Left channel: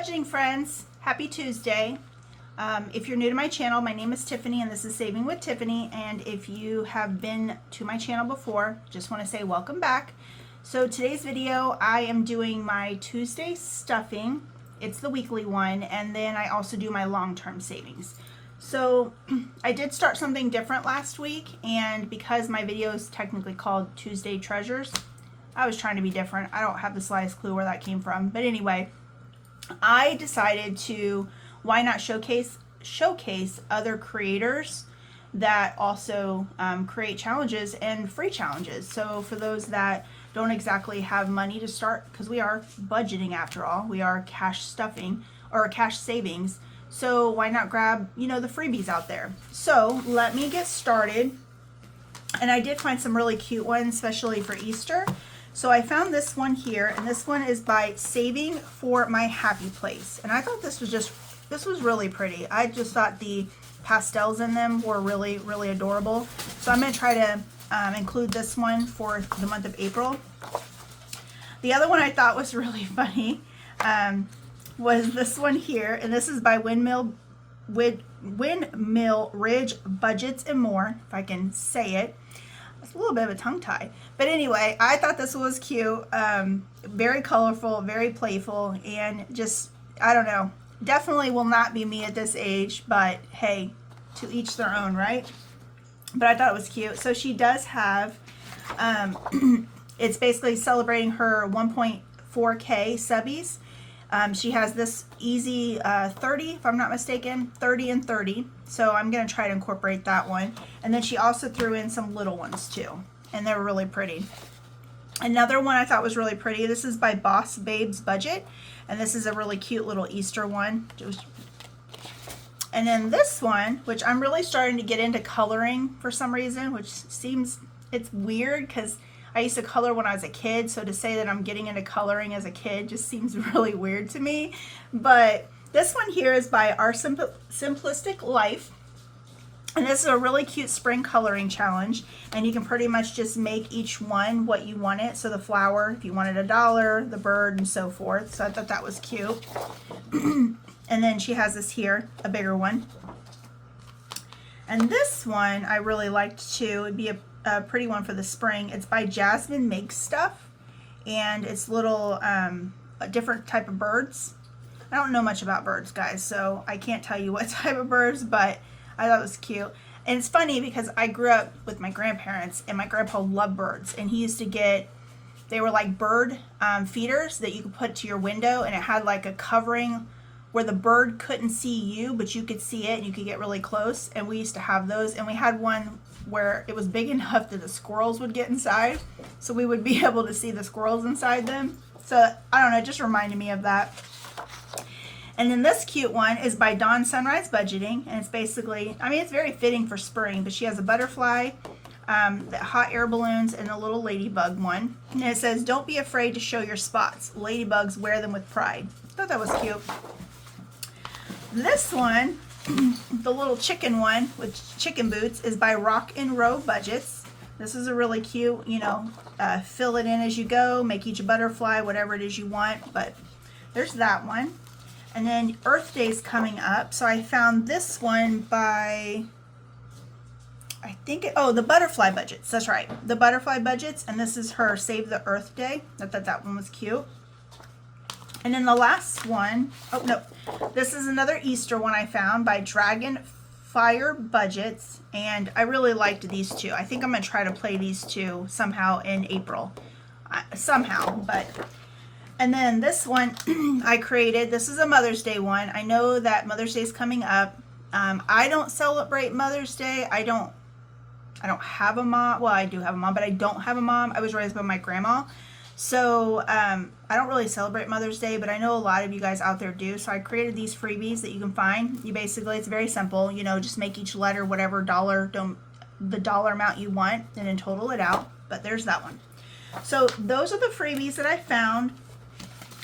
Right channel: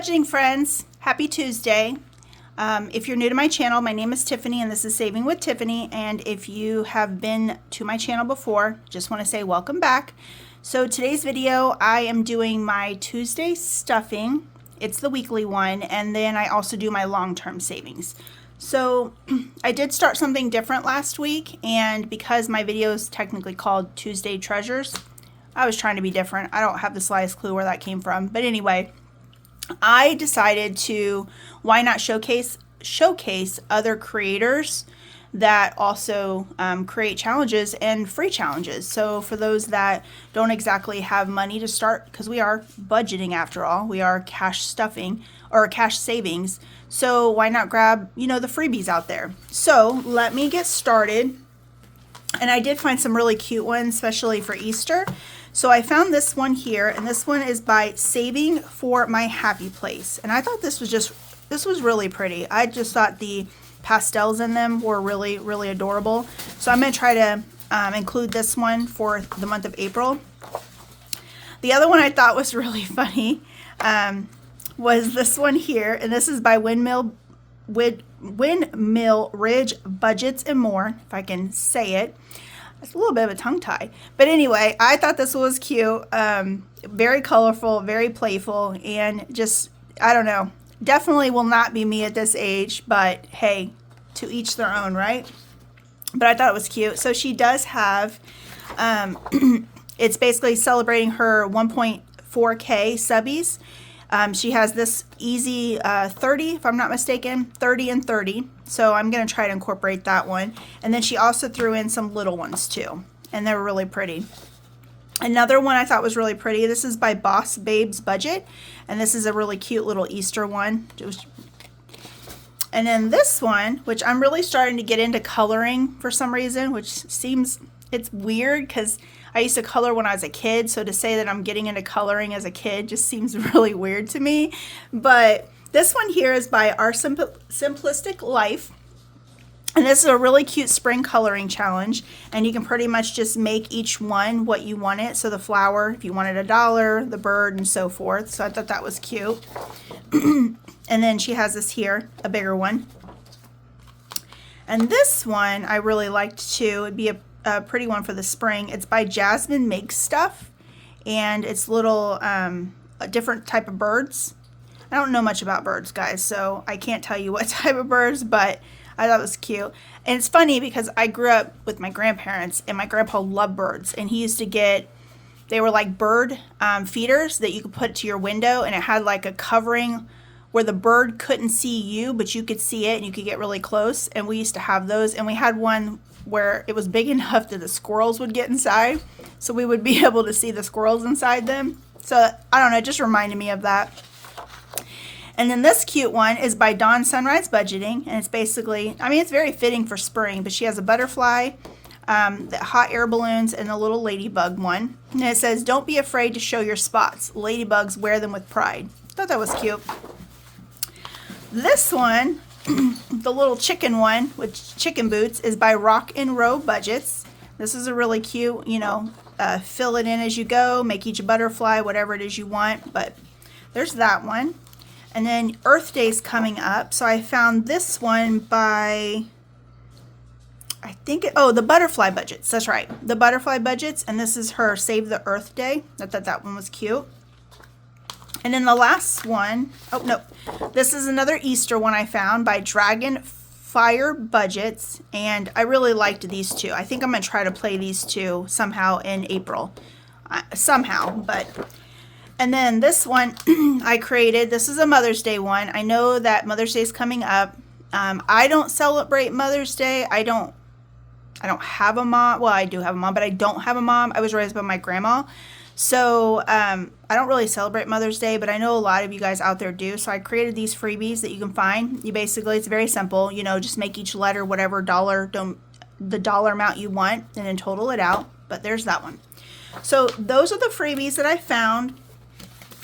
budgeting friends, happy Tuesday. If you're new to my channel, my name is Tiffany and this is Saving with Tiffany, and if you have been to my channel before, just want to say welcome back. So today's video I am doing my Tuesday stuffing. It's the weekly one, and then I also do my long-term savings. So I did start something different last week, and because my video is technically called Tuesday Treasures, I was trying to be different. I don't have the slightest clue where that came from, but anyway, I decided to why not showcase other creators that also create challenges and free challenges. So for those that don't exactly have money to start, because we are budgeting after all, we are cash stuffing or cash savings. So why not grab, the freebies out there? So let me get started. And I did find some really cute ones, especially for Easter. So I found this one here, and this one is by Saving for My Happy Place. And I thought this was really pretty. I just thought the pastels in them were really, really adorable. So I'm going to try to include this one for the month of April. The other one I thought was really funny was this one here, and this is by Windmill Ridge Budgets and More, if I can say it. It's a little bit of a tongue tie, but anyway, I thought this was cute, very colorful, very playful, and just, I don't know, definitely will not be me at this age, but hey, to each their own, right? But I thought it was cute. So she does have, it's basically celebrating her 1.4K subbies. She has this easy 30, if I'm not mistaken, 30 and 30. So I'm going to try to incorporate that one. And then she also threw in some little ones too, and they're really pretty. Another one I thought was really pretty. This is by Boss Babes Budget, and this is a really cute little Easter one. And then this one, which I'm really starting to get into coloring for some reason, which seems, it's weird because I used to color when I was a kid, so to say that I'm getting into coloring as a kid just seems really weird to me. But this one here is by Our Simplistic Life, and this is a really cute spring coloring challenge, and you can pretty much just make each one what you want it. So the flower, if you wanted $1, the bird, and so forth. So I thought that was cute. And then she has this here, a bigger one. And this one I really liked too. It'd be a pretty one for the spring. It's by Jasmine Makes Stuff, and it's little different type of birds. I don't know much about birds, guys, so I can't tell you what type of birds, but I thought it was cute. And it's funny because I grew up with my grandparents, and my grandpa loved birds, and he used to get, they were like bird feeders that you could put to your window, and it had like a covering where the bird couldn't see you, but you could see it, and you could get really close. And we used to have those, and we had one where it was big enough that the squirrels would get inside, so we would be able to see the squirrels inside them. So I don't know, it just reminded me of that. And then this cute one is by Dawn Sunrise Budgeting, and it's basically, I mean, it's very fitting for spring, but she has a butterfly, the hot air balloons, and a little ladybug one. And it says, "Don't be afraid to show your spots. Ladybugs wear them with pride." I thought that was cute. This one, the little chicken one with chicken boots, is by Rock and Row Budgets. This is a really cute, fill it in as you go, make each a butterfly, whatever it is you want. But there's that one. And then Earth Day's coming up, so I found this one by, I think, the Butterfly Budgets. That's right, the Butterfly Budgets, and this is her Save the Earth Day. I thought that one was cute. And then the last one, oh no, this is another Easter one I found by Dragon Fire Budgets, and I really liked these two. I think I'm going to try to play these two somehow in April. And then this one I created, this is a Mother's Day one. I know that Mother's Day is coming up. I don't celebrate Mother's Day. I don't have a mom. Well, I do have a mom, but I don't have a mom. I was raised by my grandma. So I don't really celebrate Mother's Day, but I know a lot of you guys out there do. So I created these freebies that you can find. You basically, it's very simple, just make each letter whatever the dollar amount you want, and then total it out. But there's that one. So those are the freebies that I found.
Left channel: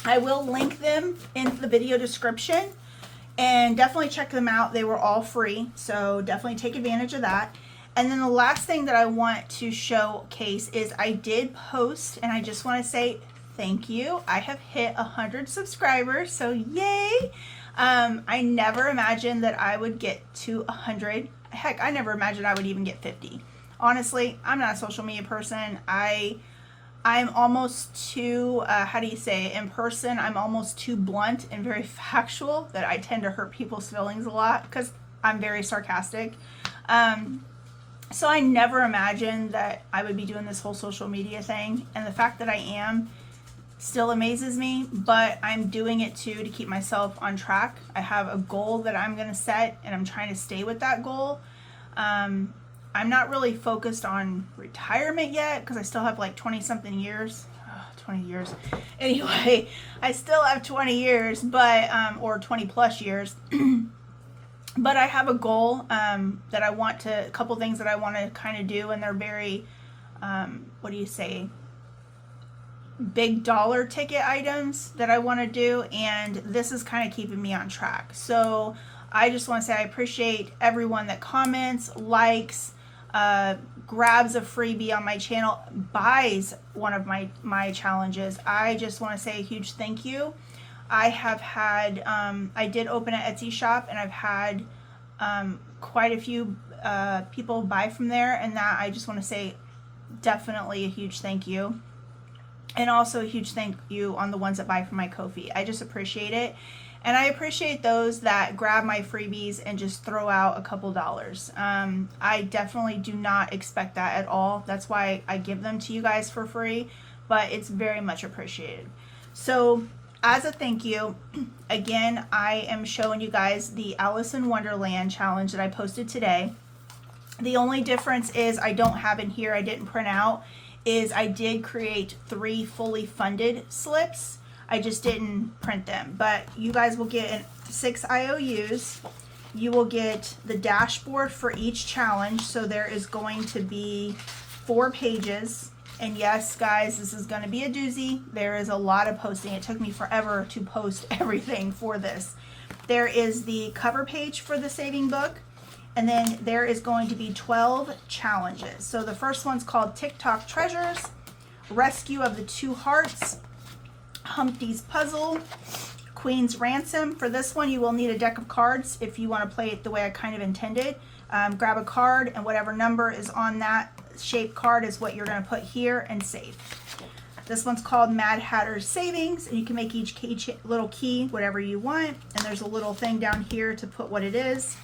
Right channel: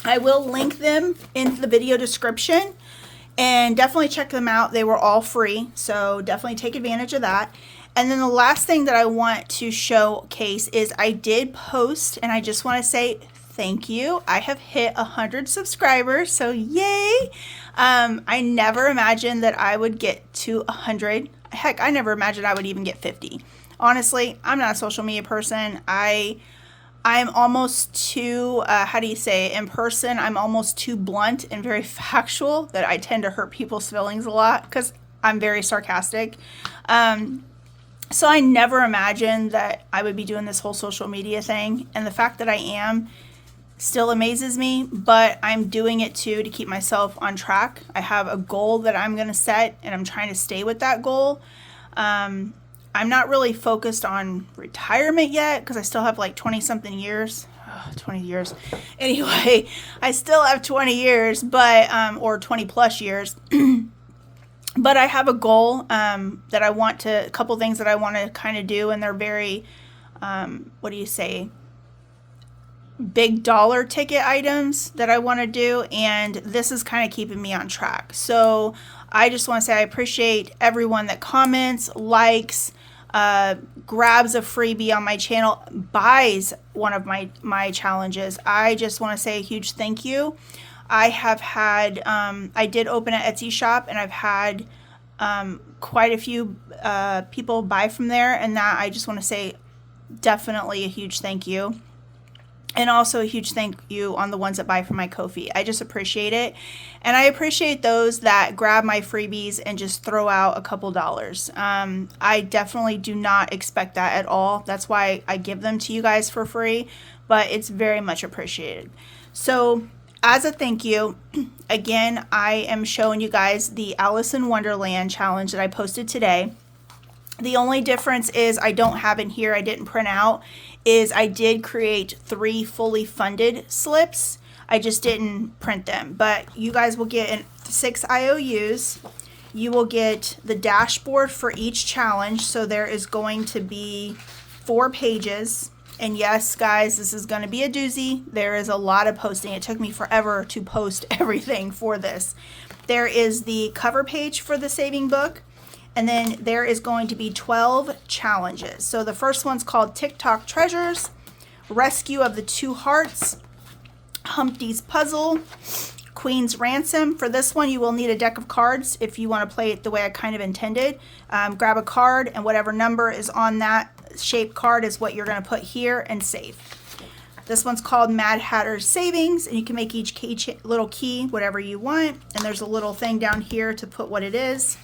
I will link them in the video description, and definitely check them out. They were all free, so definitely take advantage of that. And then the last thing that I want to showcase is I did post, and I just want to say thank you. I have hit 100 subscribers, so yay. I never imagined that I would get to 100. Heck, I never imagined I would even get 50. Honestly, I'm not a social media person. I'm almost too, how do you say, in person, I'm almost too blunt and very factual that I tend to hurt people's feelings a lot because I'm very sarcastic. So I never imagined that I would be doing this whole social media thing. And the fact that I am still amazes me, but I'm doing it too to keep myself on track. I have a goal that I'm going to set and I'm trying to stay with that goal. I'm not really focused on retirement yet because I still have like 20 something years. 20 years. Anyway, I still have 20 years, but, or 20 plus years. But I have a goal that I want to, a couple things that I want to kind of do, and they're very, what do you say, big dollar ticket items that I want to do, and this is kind of keeping me on track. So I just want to say I appreciate everyone that comments, likes, grabs a freebie on my channel, buys one of my challenges. I just want to say a huge thank you. I have had, I did open an Etsy shop, and I've had quite a few people buy from there, and that I just want to say definitely a huge thank you. And also a huge thank you on the ones that buy from my Ko-fi. I just appreciate it. And I appreciate those that grab my freebies and just throw out a couple dollars. I definitely do not expect that at all. That's why I give them to you guys for free, but it's very much appreciated. So as a thank you, again, I am showing you guys the Alice in Wonderland challenge that I posted today. The only difference is I don't have in here, I didn't print out, is I did create 3 fully funded slips. I just didn't print them, but you guys will get 6 IOUs. You will get the dashboard for each challenge. So there is going to be 4 pages. And yes, guys, this is going to be a doozy. There is a lot of posting. It took me forever to post everything for this. There is the cover page for the saving book. And then there is going to be 12 challenges. So the first one's called TikTok Treasures, Rescue of the 2 Hearts, Humpty's Puzzle, Queen's Ransom. For this one, you will need a deck of cards if you want to play it the way I kind of intended. Grab a card, and whatever number is on that shaped card is what you're going to put here and save. This one's called Mad Hatter's Savings, and you can make each little key whatever you want. And there's a little thing down here to put what it is.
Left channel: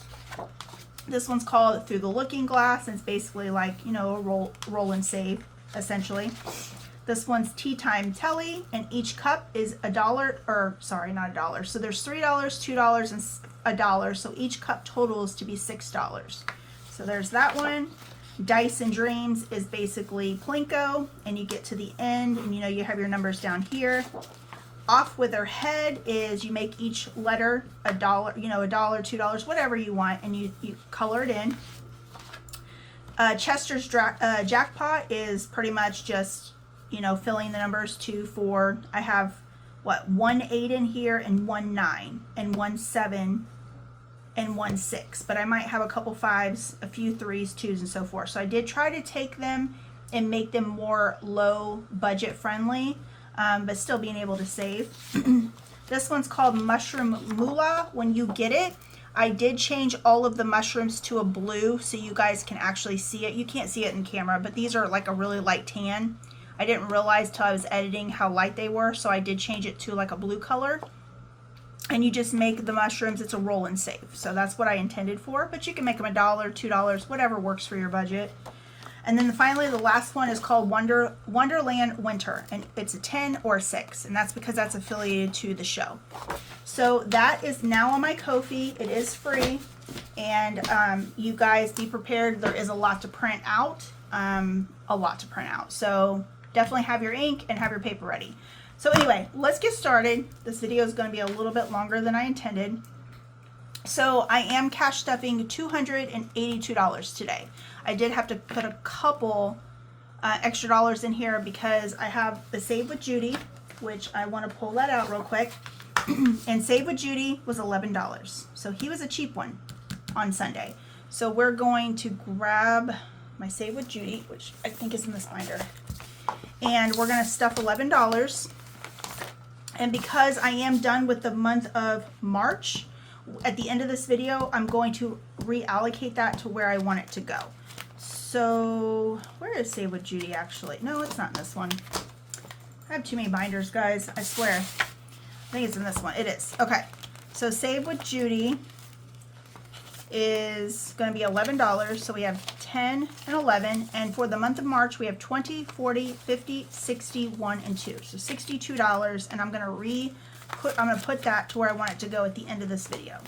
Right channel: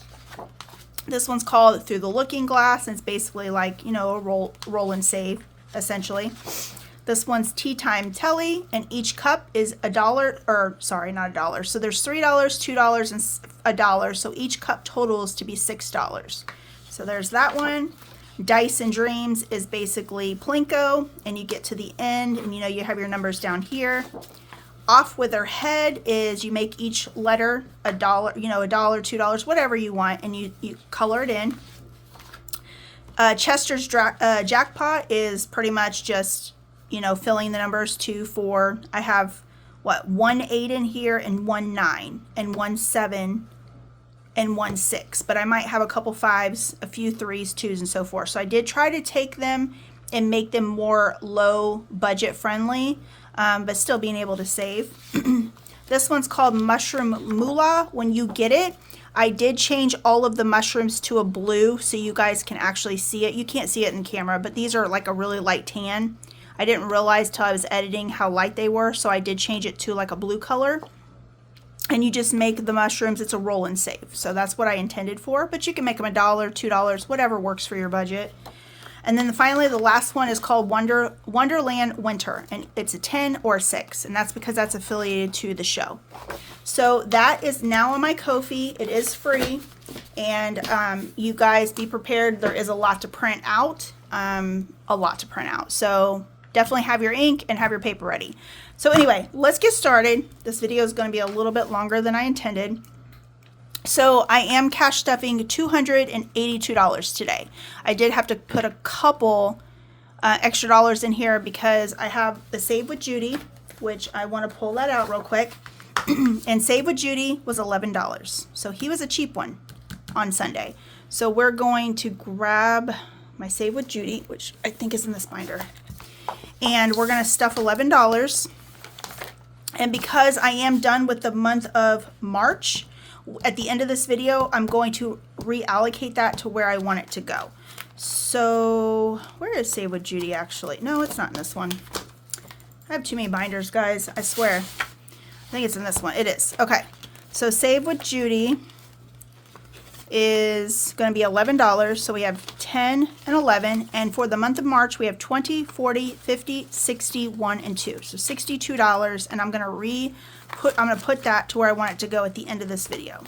This one's called Through the Looking Glass, and it's basically like, you know, a roll and save, essentially. This one's Tea Time Telly, and each cup is $1, or sorry, not $1. So there's $3, $2, and $1. So each cup totals to be $6. So there's that one. Dice and Dreams is basically Plinko, and you get to the end, and you know you have your numbers down here. Off with Her Head is you make each letter $1, you know, $1, $2, whatever you want, and you color it in. Chester's Jackpot is pretty much just, you know, filling the numbers 2, 4. I have, what, 1 8 in here, and 1 9, and 1 7, and 1 6. But I might have a couple 5s, a few 3s, 2s, and so forth. So I did try to take them and make them more low budget friendly. But still being able to save. This one's called Mushroom Moolah. When you get it, I did change all of the mushrooms to a blue so you guys can actually see it. You can't see it in camera, but these are like a really light tan. I didn't realize till I was editing how light they were, so I did change it to like a blue color. And you just make the mushrooms, it's a roll and save. So that's what I intended for, but you can make them $1, $2, whatever works for your budget. And then finally, the last one is called Wonderland Winter, and it's a 10 or a 6, and that's because that's affiliated to the show. So that is now on my Ko-fi. It is free, and you guys be prepared. There is a lot to print out, So definitely have your ink and have your paper ready. So anyway, let's get started. This video is going to be a little bit longer than I intended. So I am cash stuffing $282 today. I did have to put a couple extra dollars in here because I have the Save with Judy, which I want to pull that out real quick. And Save with Judy was $11. So he was a cheap one on Sunday. So we're going to grab my Save with Judy, which I think is in this binder. And we're going to stuff $11. And because I am done with the month of March, at the end of this video, I'm going to reallocate that to where I want it to go. So where is Save with Judy actually? No, it's not in this one. I have too many binders, guys. I swear. I think it's in this one. It is. Okay. So Save with Judy is going to be $11. So we have 10 and 11. And for the month of March, we have 20, 40, 50, 60, 1, and 2. So $62. And I'm going to put that to where I want it to go at the end of this video.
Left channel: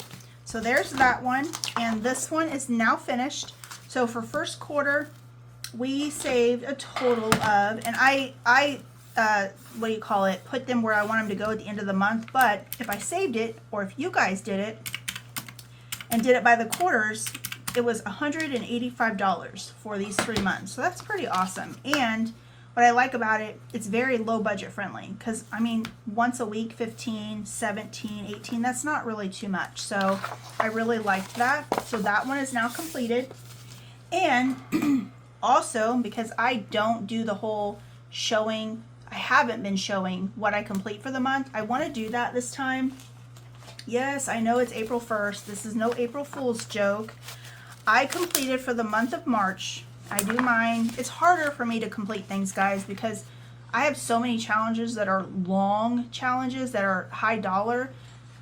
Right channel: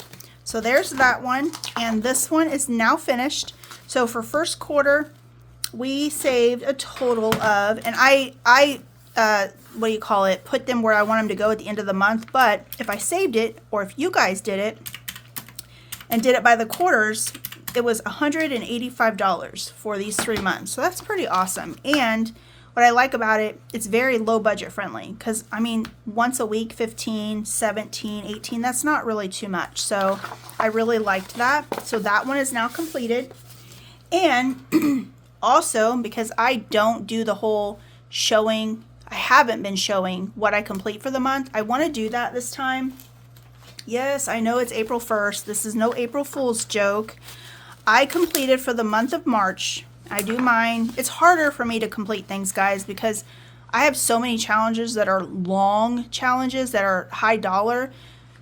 So there's that one. And this one is now finished. So for first quarter, we saved a total of, and I what do you call it, put them where I want them to go at the end of the month. But if I saved it, or if you guys did it and did it by the quarters, it was $185 for these 3 months. So that's pretty awesome. And what I like about it, it's very low budget friendly, because I mean, once a week, 15, 17, 18, that's not really too much. So I really liked that. So that one is now completed. And also, because I don't do the whole showing, I haven't been showing what I complete for the month, I want to do that this time. Yes, I know it's April 1st. This is no April Fool's joke. I completed for the month of March. I do mine. It's harder for me to complete things, guys, because I have so many challenges that are long challenges that are high dollar.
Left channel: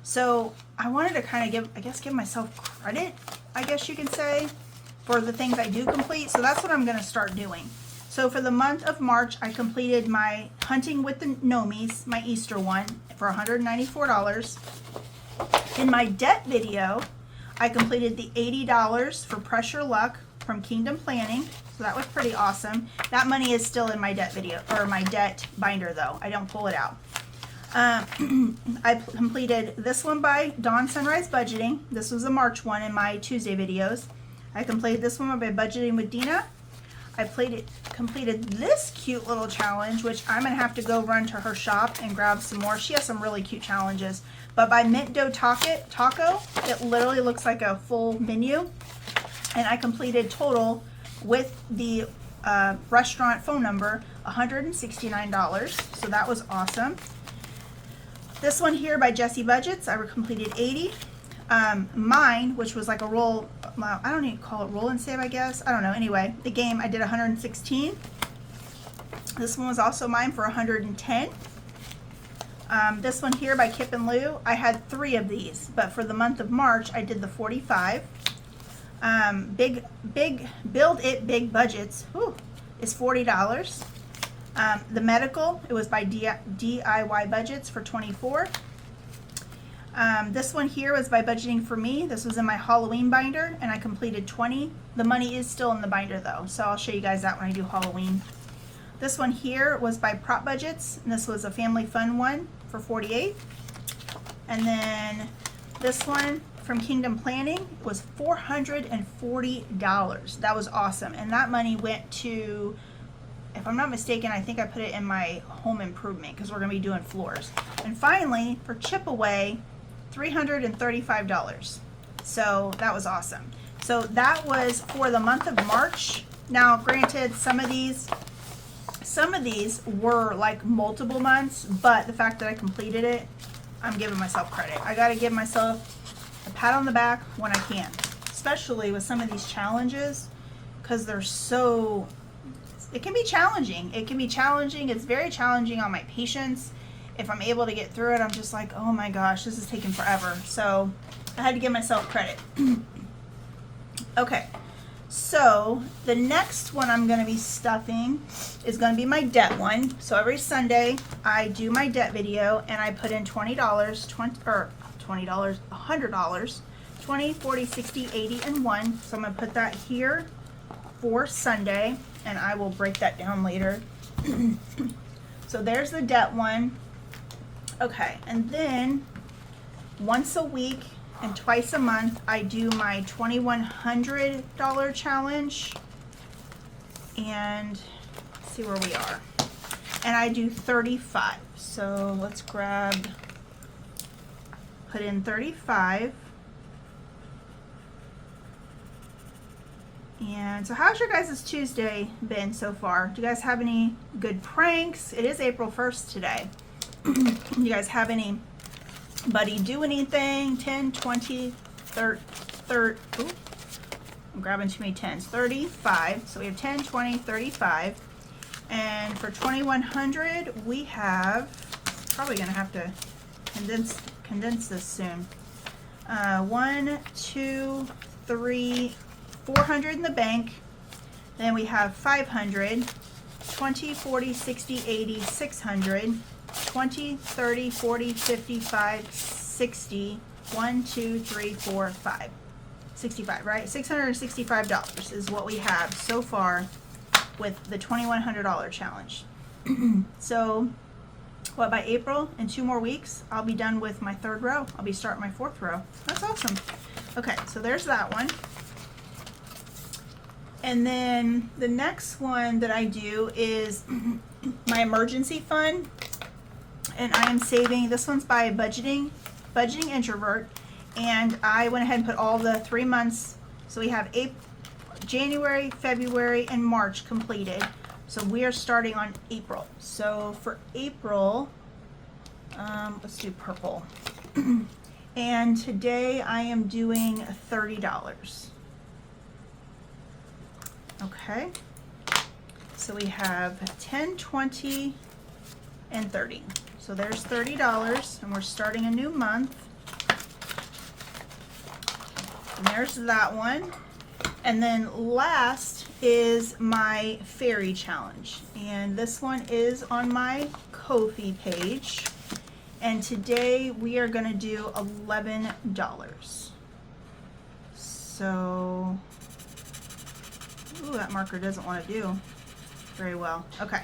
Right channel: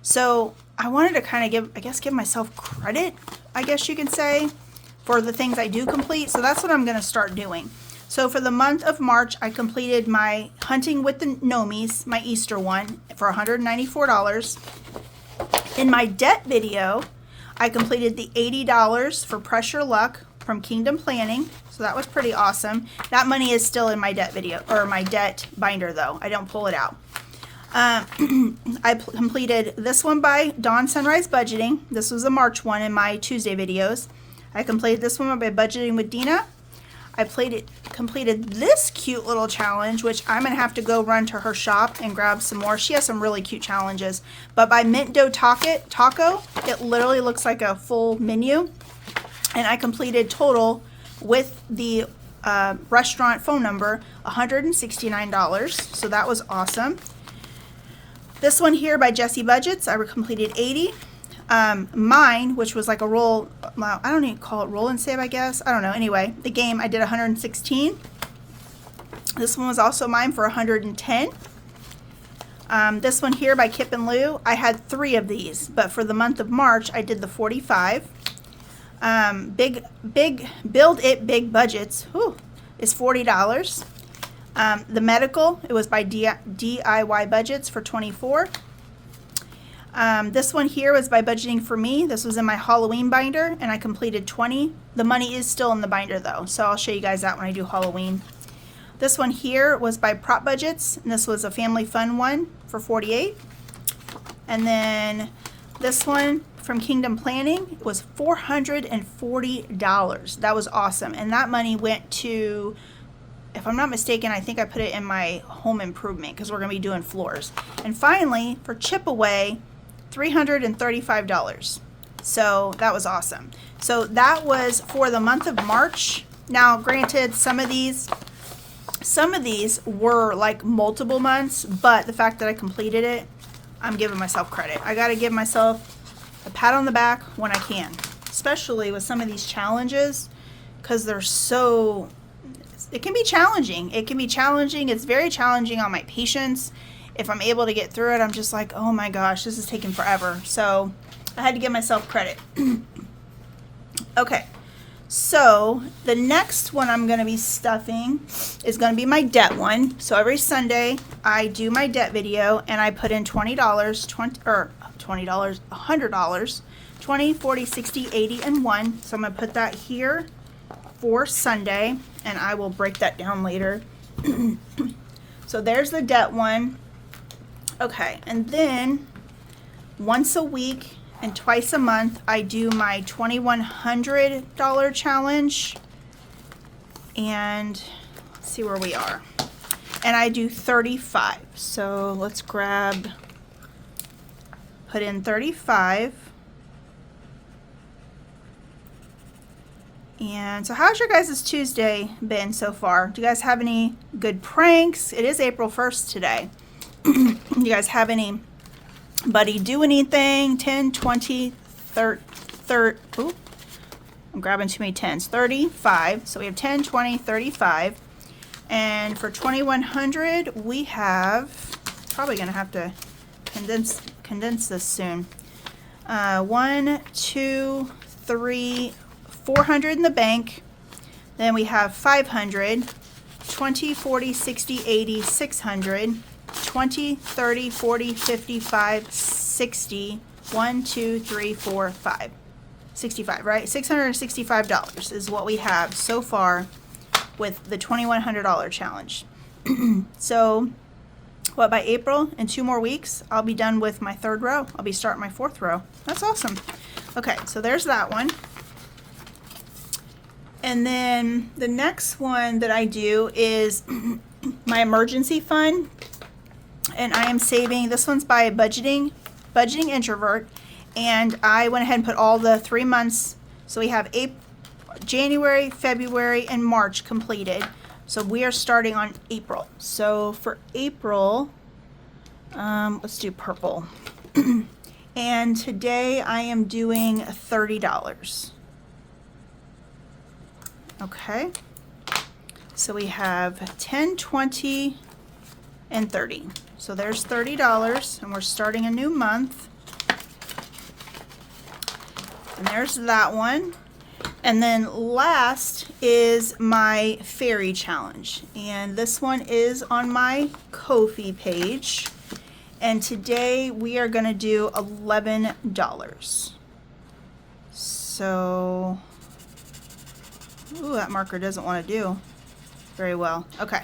So I wanted to kind of give myself credit, I guess you can say, for the things I do complete. So that's what I'm going to start doing. So for the month of March, I completed my Hunting with the Gnomies, my Easter one, for $194. In my debt video, I completed the $80 for Pressure Luck from Kingdom Planning. So that was pretty awesome. That money is still in my debt video, or my debt binder though. I don't pull it out. I completed this one by Dawn Sunrise Budgeting. This was the March one in my Tuesday videos. I completed this one by Budgeting with Dina. I completed this cute little challenge, which I'm going to have to go run to her shop and grab some more. She has some really cute challenges. But by Mint Dough Taco, it literally looks like a full menu. And I completed total with the restaurant phone number, $169. So that was awesome. This one here by Jessie Budgets, I completed 80. Mine, which was like a roll, well, I don't even call it roll and save, I guess. I don't know. Anyway, the game, I did 116. This one was also mine for 110. This one here by Kip and Lou, I had 3 of these, but for the month of March, I did the 45. Build It Big Budgets, is $40. The medical, it was by DIY Budgets for 24. This one here was by Budgeting for Me. This was in my Halloween binder, and I completed 20. The money is still in the binder though, so I'll show you guys that when I do Halloween. This one here was by Prop Budgets, and this was a family fun one for 48. And then this one from Kingdom Planning was $440. That was awesome, and that money went to, if I'm not mistaken, I think I put it in my home improvement because we're going to be doing floors. And finally, for Chip Away, $335. So that was awesome. So that was for the month of March. Now, granted, some of these were like multiple months, but the fact that I completed it, I'm giving myself credit. I got to give myself a pat on the back when I can, especially with some of these challenges, because they're so, it can be challenging. It can be challenging. It's very challenging on my patience. If I'm able to get through it, I'm just like, oh my gosh, this is taking forever. So I had to give myself credit. Okay, so the next one I'm going to be stuffing is going to be my debt one. So every Sunday I do my debt video, and I put in $100, 20, 40, 60, 80, and 1. So I'm going to put that here for Sunday, and I will break that down later. So there's the debt one. Okay, and then once a week and twice a month, I do my $2,100 challenge, and let's see where we are. And I do 35. So let's put in 35. And so how's your guys' Tuesday been so far? Do you guys have any good pranks? It is April 1st today. you guys have anybody do anything. 10, 20, 30, ooh, I'm grabbing too many 10s. 35. So we have 10, 20, 35. And for 2100, we have, probably going to have to condense this soon. 1, 2, 3, 400 in the bank. Then we have 500, 20, 40, 60, 80, 600, 20, 30, 40, 55, 60, 1, 2, 3, 4, 5. 65, right? $665 is what we have so far with the $2,100 challenge. So, what, by April, in 2 more weeks, I'll be done with my 3rd row. I'll be starting my 4th row. That's awesome. Okay, so there's that one. And then the next one that I do is my emergency fund. And I am saving, this one's by Budgeting Introvert. And I went ahead and put all the 3 months. So we have January, February, and March completed. So we are starting on April. So for April, let's do purple. And today I am doing $30. Okay. So we have 10, 20, and 30. So there's $30, and we're starting a new month. And there's that one. And then last is my fairy challenge. And this one is on my Ko-fi page. And today we are going to do $11. So, ooh, that marker doesn't want to do very well. Okay,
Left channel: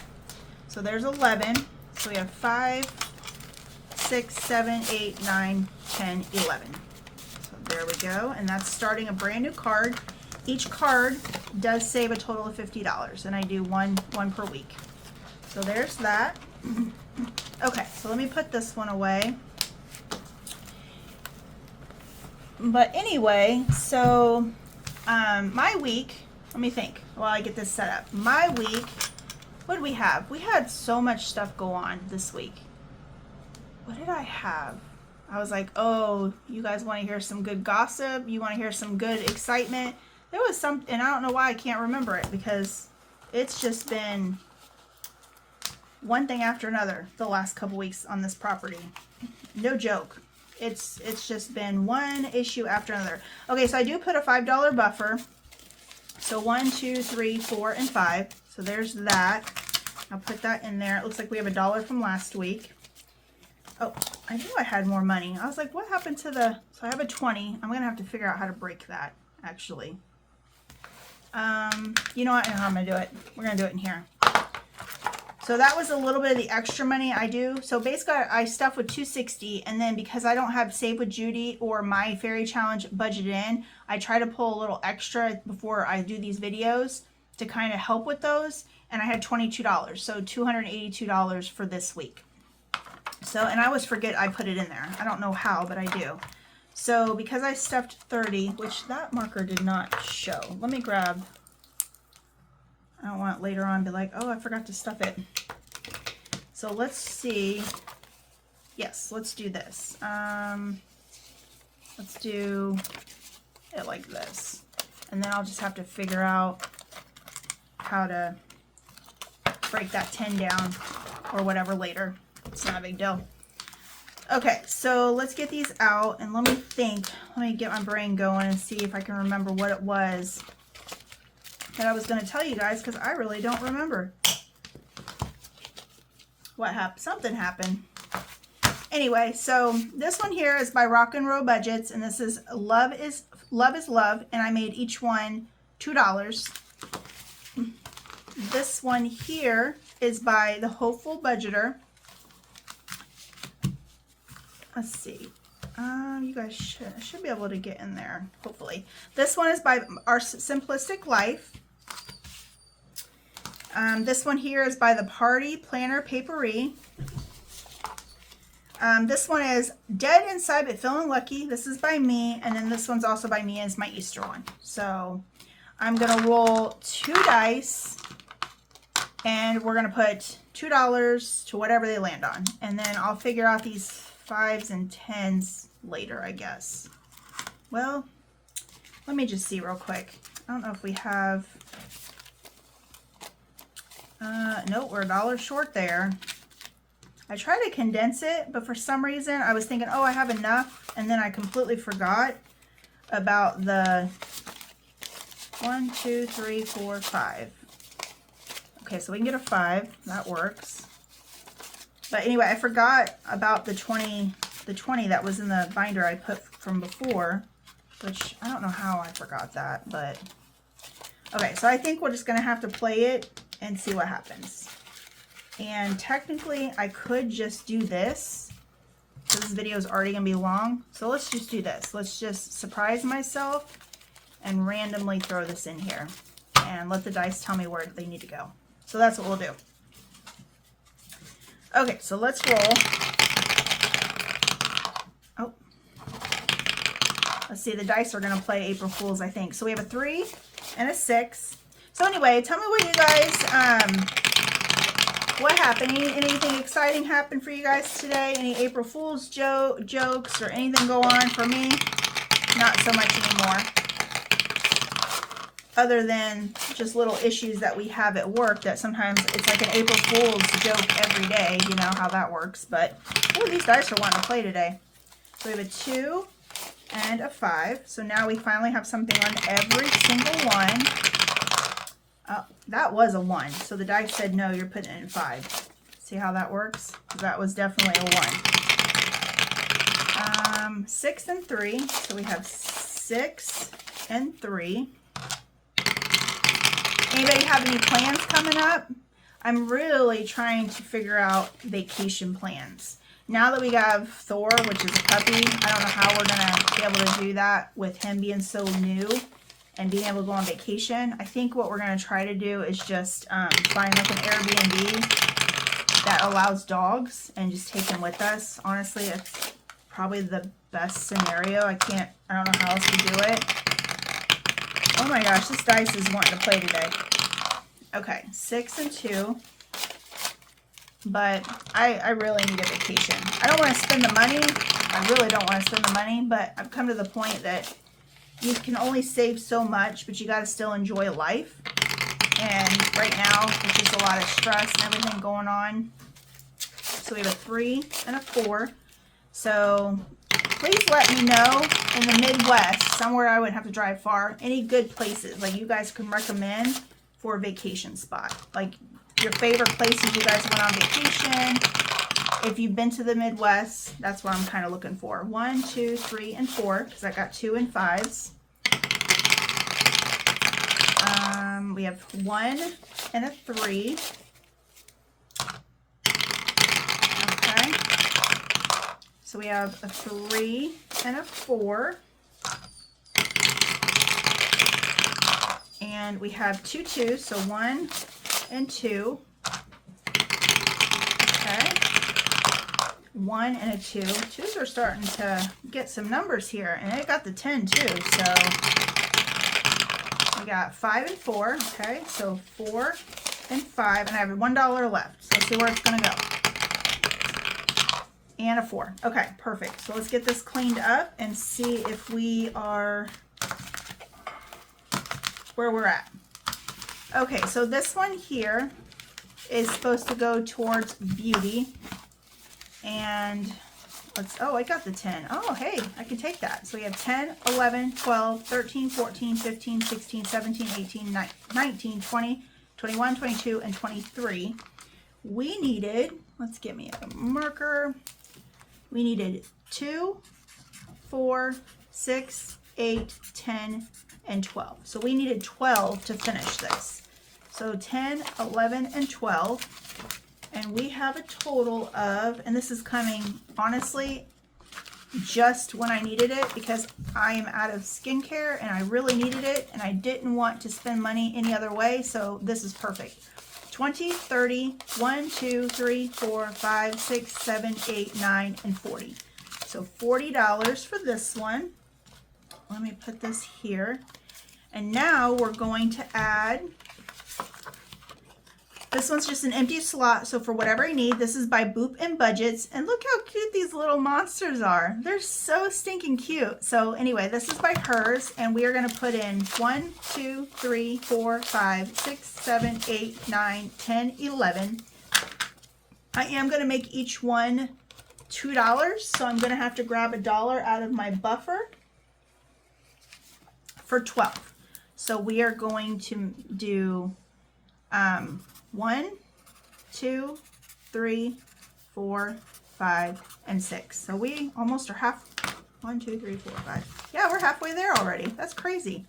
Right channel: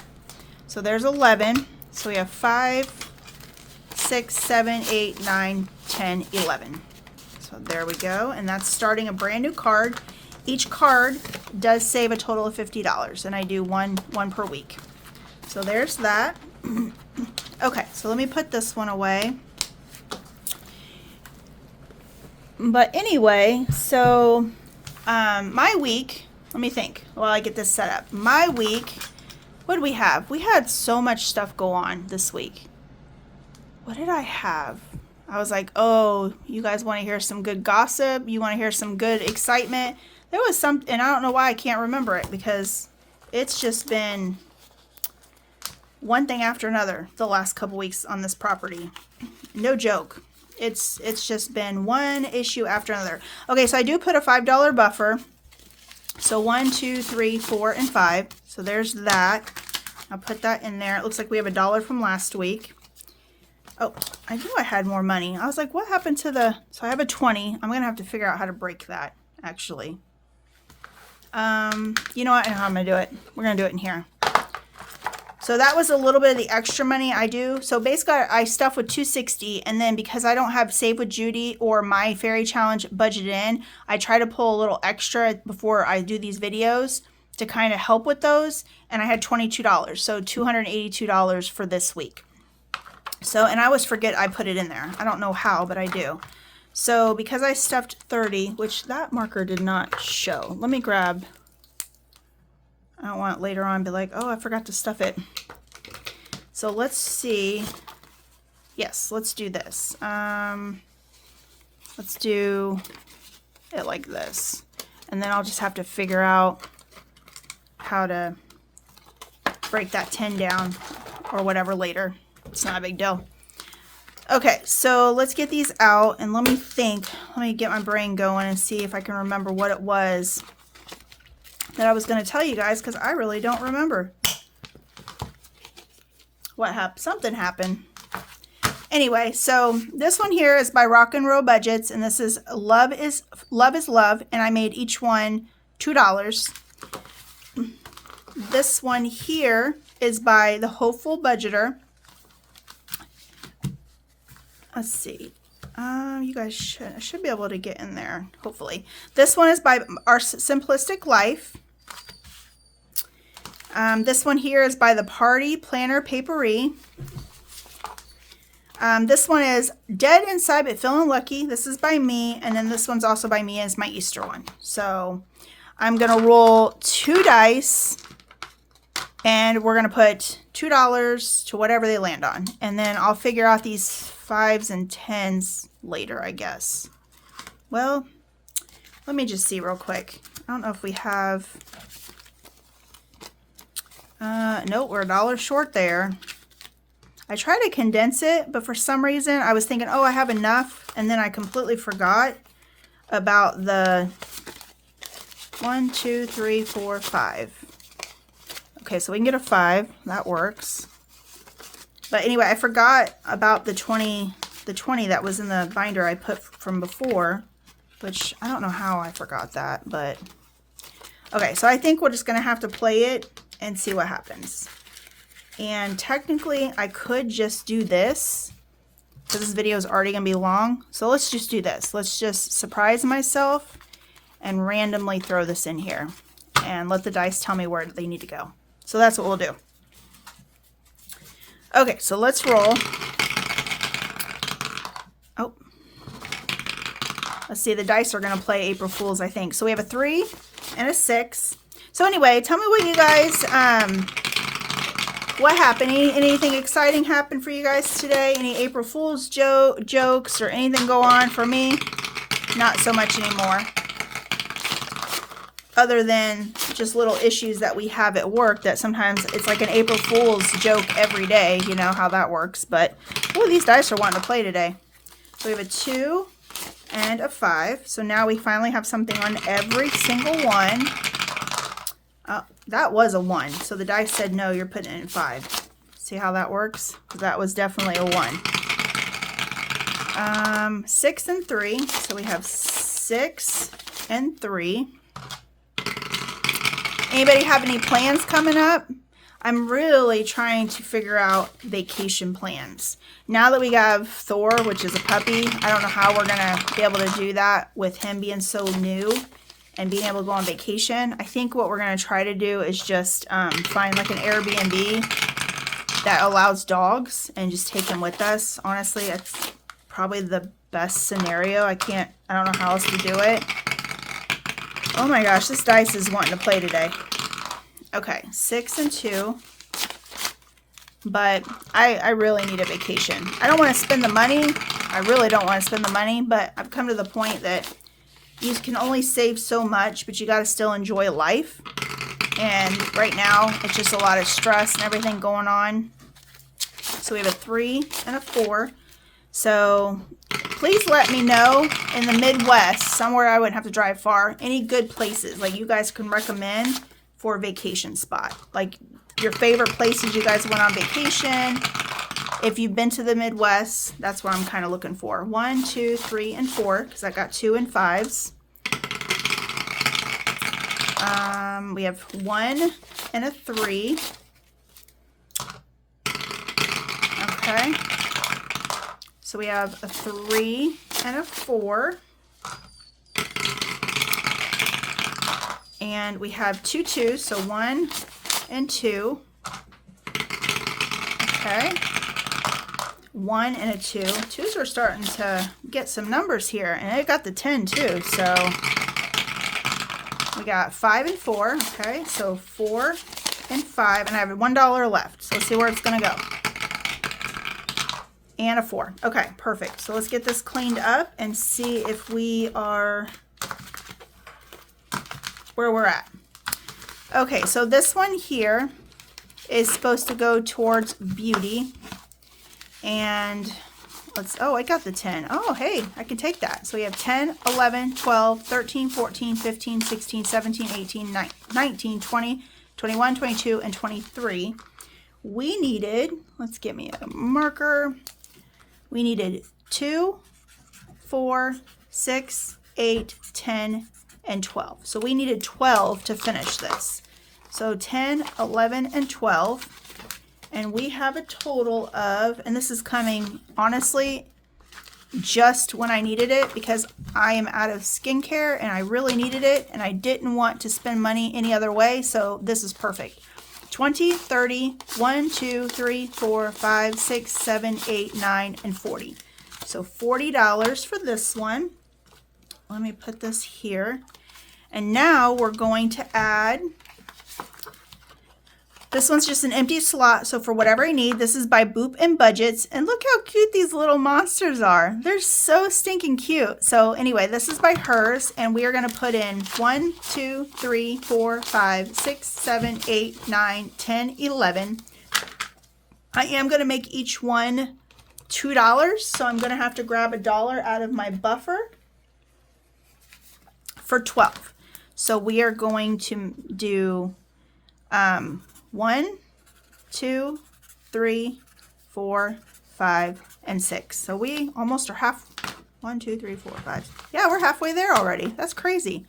so there's 11. So we have 5, 6, 7, 8, 9, 10, 11. So there we go. And that's starting a brand new card. Each card does save a total of $50, and I do one per week. So there's that. Okay, so let me put this one away. But anyway, so my week, let me think while I get this set up. My week, what did we have? We had so much stuff go on this week. What did I have? I was like, oh, you guys want to hear some good gossip? You want to hear some good excitement? There was some, and I don't know why I can't remember it, because it's just been one thing after another the last couple weeks on this property. No joke. It's just been one issue after another. Okay, so I do put a $5 buffer. So 1, 2, 3, 4, and 5. So there's that. I'll put that in there. It looks like we have $1 from last week. Oh, I knew I had more money. I was like, what happened to the, so I have a 20. I'm going to have to figure out how to break that, actually. You know what? I know how I'm going to do it. We're going to do it in here. So that was a little bit of the extra money I do. So basically I stuff with $260, and then because I don't have Save with Judy or my fairy challenge budgeted in, I try to pull a little extra before I do these videos to kind of help with those. And I had $22, so $282 for this week. So, and I always forget I put it in there. I don't know how, but I do. So because I stuffed 30, which that marker did not show. Let me grab, I don't want it later on to be like, oh, I forgot to stuff it. So let's see. Yes, let's do this. Let's do it like this. And then I'll just have to figure out how to break that 10 down or whatever later. It's not a big deal. Okay, so let's get these out and let me think. Let me get my brain going and see if I can remember what it was that I was going to tell you guys, because I really don't remember. What happened? Something happened. Anyway, so this one here is by Rock and Roll Budgets, and this is Love is Love, and I made each one $2. This one here is by The Hopeful Budgeter. Let's see. You guys should be able to get in there, hopefully. This one is by Our Simplistic Life. This one here is by the Party Planner Papery. This one is Dead Inside but Feeling Lucky. This is by me, and then this one's also by me, and it's my Easter one. So I'm gonna roll 2 dice. And we're going to put $2 to whatever they land on. And then I'll figure out these 5s and 10s later, I guess. Well, let me just see real quick. I don't know if we have... nope, we're $1 short there. I tried to condense it, but for some reason I was thinking, oh, I have enough. And then I completely forgot about the 1, 2, 3, 4, 5. Okay, so we can get a 5. That works. But anyway, I forgot about the 20 that was in the binder I put from before, which I don't know how I forgot that, but okay, so I think we're just going to have to play it and see what happens. And technically, I could just do this, because this video is already going to be long. So let's just do this. Let's just surprise myself and randomly throw this in here and let the dice tell me where they need to go. So that's what we'll do. Okay, so let's roll. Oh. Let's see, the dice are going to play April Fools, I think. So we have a 3 and a 6. So anyway, tell me what you guys... what happened? Anything exciting happened for you guys today? Any April Fool's jokes or anything go on? For me, not so much anymore. Other than just little issues that we have at work that sometimes it's like an April Fool's joke every day. You know how that works. But, oh, these dice are wanting to play today. So we have a 2 and a 5. So now we finally have something on every single one. Oh, that was a 1. So the dice said, no, you're putting it in 5. See how that works? That was definitely a 1. 6 and 3. So we have 6 and 3. Anybody have any plans coming up? I'm really trying to figure out vacation plans. Now that we have Thor, which is a puppy, I don't know how we're going to be able to do that with him being so new and being able to go on vacation. I think what we're going to try to do is just find like an Airbnb that allows dogs and just take them with us. Honestly, that's probably the best scenario. I don't know how else to do it. Oh my gosh, this dice is wanting to play today. Okay, 6 and 2. But I really need a vacation. I don't want to spend the money. I really don't want to spend the money, but I've come to the point that you can only save so much, but you got to still enjoy life. And right now, it's just a lot of stress and everything going on. So we have a 3 and a 4. So please let me know in the Midwest, somewhere I wouldn't have to drive far, any good places like you guys can recommend for a vacation spot. Like your favorite places you guys went on vacation. If you've been to the Midwest, that's what I'm kind of looking for. 1, 2, 3, and 4, because I got 2 and 5s. We have 1 and a 3. Okay. So we have a 3 and a 4. And we have 2 2s, so 1 and 2. Okay. 1 and a 2. 2s are starting to get some numbers here, and it got the 10 too. So we got 5 and 4. Okay, so 4 and 5, and I have $1 left. So let's see where it's going to go. And a 4. Okay, perfect. So let's get this cleaned up and see if we are where we're at. Okay, so this one here is supposed to go towards beauty. And oh, I got the 10. Oh, hey, I can take that. So we have 10, 11, 12, 13, 14, 15, 16, 17, 18, 19, 20, 21, 22, and 23. We needed, let's get me a marker. We needed 2, 4, 6, 8, 10, and 12. So we needed 12 to finish this. So 10, 11, and 12. And we have a total of, and this is coming, honestly, just when I needed it, because I am out of skincare and I really needed it and I didn't want to spend money any other way. So this is perfect. 20, 30, 1, 2, 3, 4, 5, 6, 7, 8, 9, and 40. So $40 for this one. Let me put this here. And now we're going to add This one's just an empty slot, so for whatever I need. This is by Boop and Budgets, and look how cute these little monsters are. They're so stinking cute. So anyway, this is by hers, and we are going to put in 1, 2, 3, 4, 5, 6, 7, 8, 9, 10, 11. I am going to make each one $2, so I'm going to have to grab $1 out of my buffer for 12. So we are going to do 1, 2, 3, 4, 5, and 6. So we almost are half. 1, 2, 3, 4, 5. Yeah, we're halfway there already. That's crazy.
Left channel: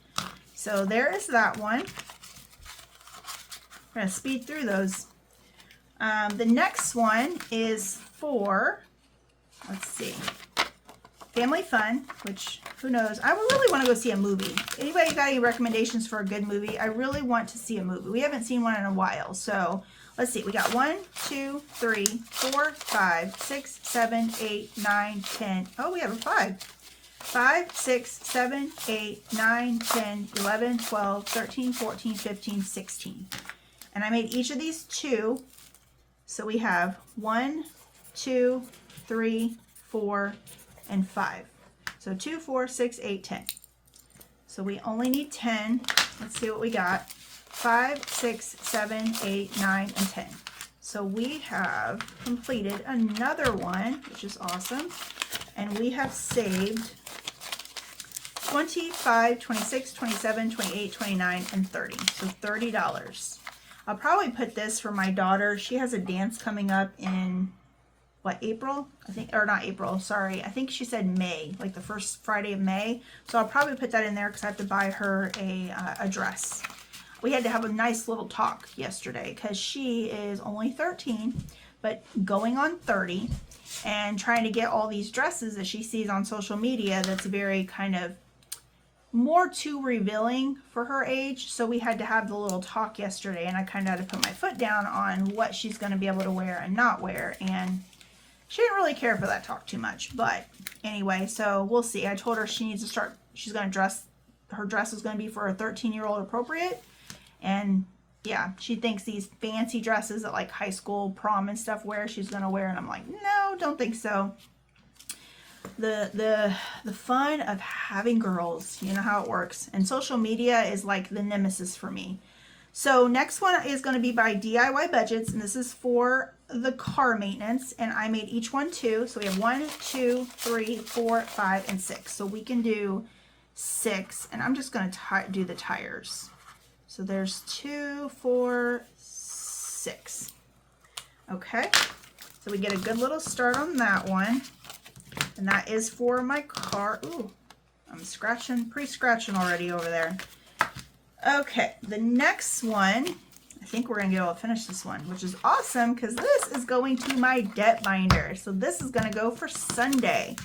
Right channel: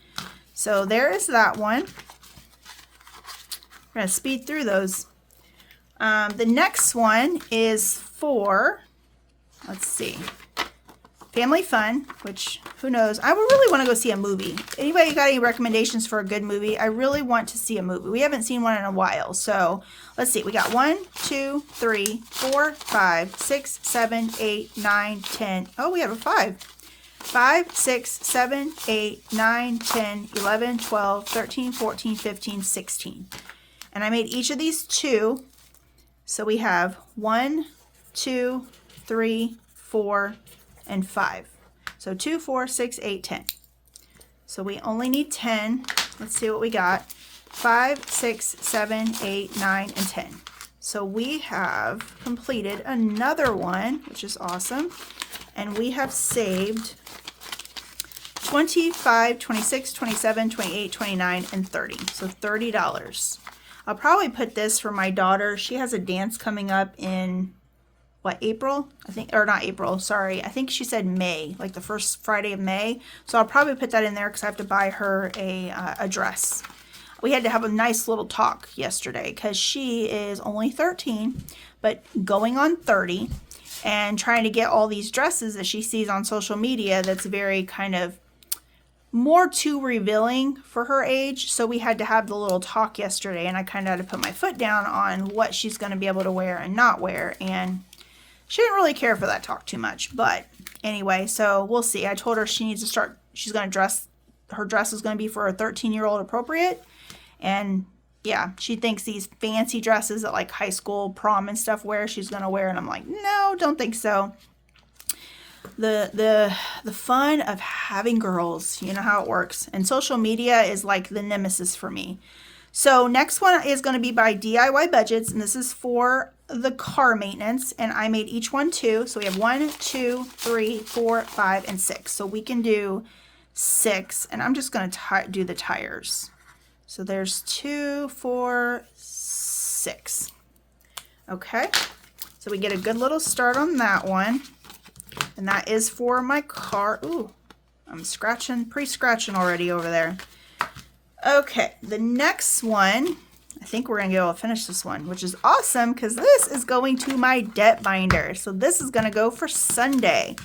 So there is that one. We're going to speed through those. The next one is for, let's see, Family Fun, which, who knows? I would really want to go see a movie. Anybody got any recommendations for a good movie? I really want to see a movie. We haven't seen one in a while. So let's see. We got 1, 2, 3, 4, 5, 6, 7, 8, 9, 10. Oh, we have a 5. 5, 6, 7, 8, 9, 10, 11, 12, 13, 14, 15, 16. And I made each of these 2. So we have 1, 2, 3, 4, and 5. So 2, 4, 6, 8, 10. So we only need 10. Let's see what we got. 5, 6, 7, 8, 9, and 10. So we have completed another one, which is awesome. And we have saved 25, 26, 27, 28, 29, and 30. So $30. I'll probably put this for my daughter. She has a dance coming up in what, April? I think, or not April, sorry. I think she said May, like the first Friday of May. So I'll probably put that in there because I have to buy her a dress. We had to have a nice little talk yesterday because she is only 13, but going on 30 and trying to get all these dresses that she sees on social media that's very kind of more too revealing for her age. So we had to have the little talk yesterday, and I kind of had to put my foot down on what she's going to be able to wear and not wear. And she didn't really care for that talk too much, but anyway, so we'll see. I told her she needs to start, she's going to dress, her dress is going to be for a 13-year-old appropriate. And yeah, she thinks these fancy dresses that like high school prom and stuff wear, she's going to wear. And I'm like, no, don't think so. The fun of having girls, you know how it works. And social media is like the nemesis for me. So next one is going to be by DIY Budgets, and this is for the car maintenance, and I made each one 2. So we have 1, 2, 3, 4, 5, and 6. So we can do 6, and I'm just going to do the tires. So there's 2, 4, 6. Okay, so we get a good little start on that one, and that is for my car. Ooh, I'm scratching, pre-scratching already over there. Okay, the next one, I think we're going to be able to finish this one, which is awesome because this is going to my debt binder. So this is going to go for Sunday.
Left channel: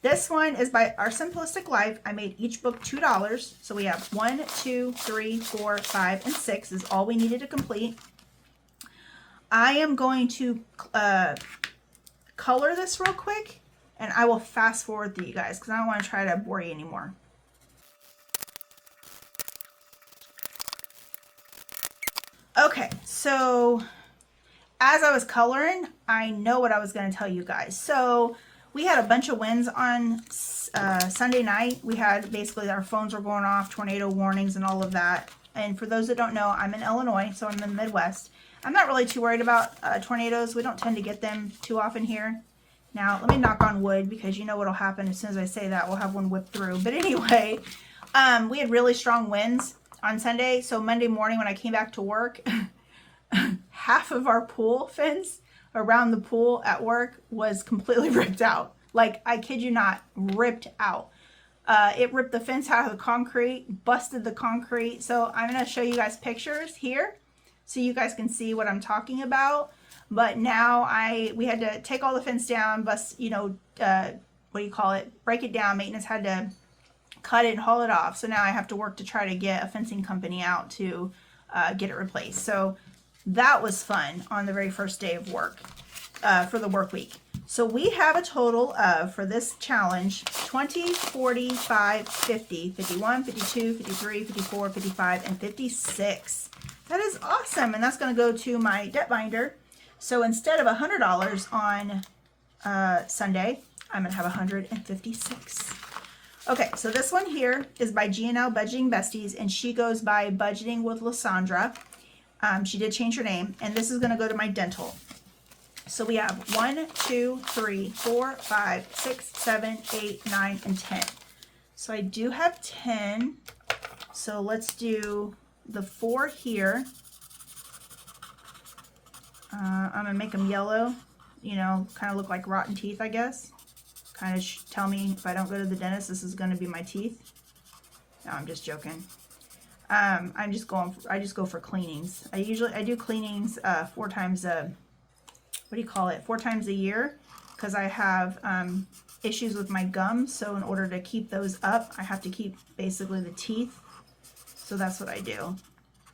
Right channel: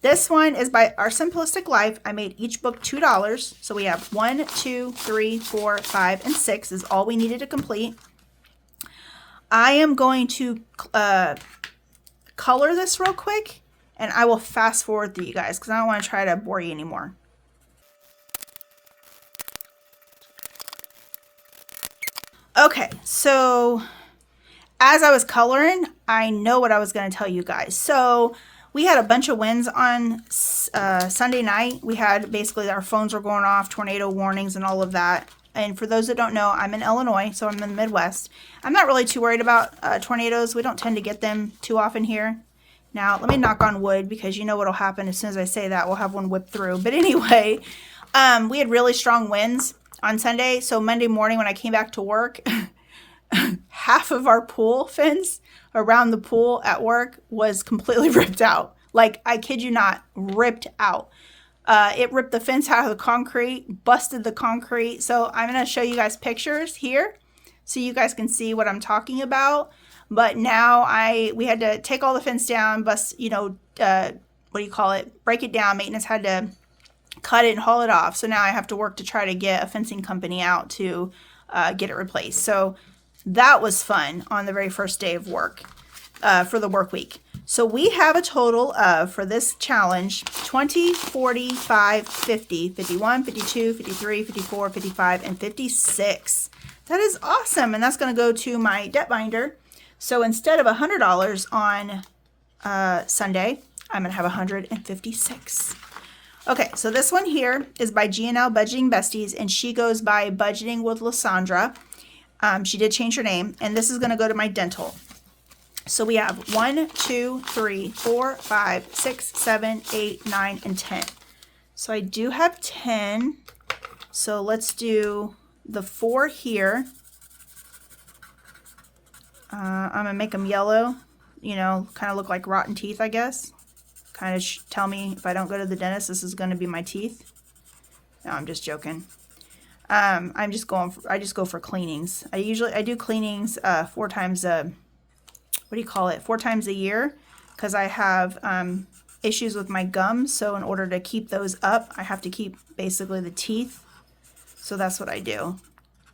This one is by Our Simplistic Life. I made each book $2. So we have 1, 2, 3, 4, 5, and 6 is all we needed to complete. I am going to color this real quick, and I will fast forward through you guys because I don't want to try to bore you anymore. Okay, so as I was coloring, I know what I was going to tell you guys. So we had a bunch of winds on Sunday night. We had basically our phones were going off, tornado warnings and all of that. And for those that don't know, I'm in Illinois, so I'm in the Midwest. I'm not really too worried about tornadoes. We don't tend to get them too often here. Now, let me knock on wood because you know what will happen as soon as I say that. We'll have one whip through. But anyway, we had really strong winds on Sunday. So Monday morning when I came back to work, half of our pool fence around the pool at work was completely ripped out. Like, I kid you not, ripped out. It ripped the fence out of the concrete, busted the concrete. So I'm going to show you guys pictures here so you guys can see what I'm talking about. But now we had to take all the fence down, bust, what do you call it? Break it down. Maintenance had to cut it and haul it off. So now I have to work to try to get a fencing company out to get it replaced. So that was fun on the very first day of work for the work week. So we have a total of, for this challenge, 20, 45, 50, 51, 52, 53, 54, 55, and 56 That is awesome. And that's going to go to my debt binder. So instead of $100 on Sunday, I'm going to have 156. Okay, so this one here is by G&L Budgeting Besties, and she goes by Budgeting with Lysandra. She did change her name, and this is going to go to my dental. So we have 1, 2, 3, 4, 5, 6, 7, 8, 9, and 10. So I do have 10. So let's do the 4 here. I'm going to make them yellow, you know, kind of look like rotten teeth, I guess. Kind of tell me if I don't go to the dentist, this is going to be my teeth. No, I'm just joking. I just go for cleanings. I do cleanings 4 times a, what do you call it? 4 times a year, because I have issues with my gums. So in order to keep those up, I have to keep basically the teeth. So that's what I do.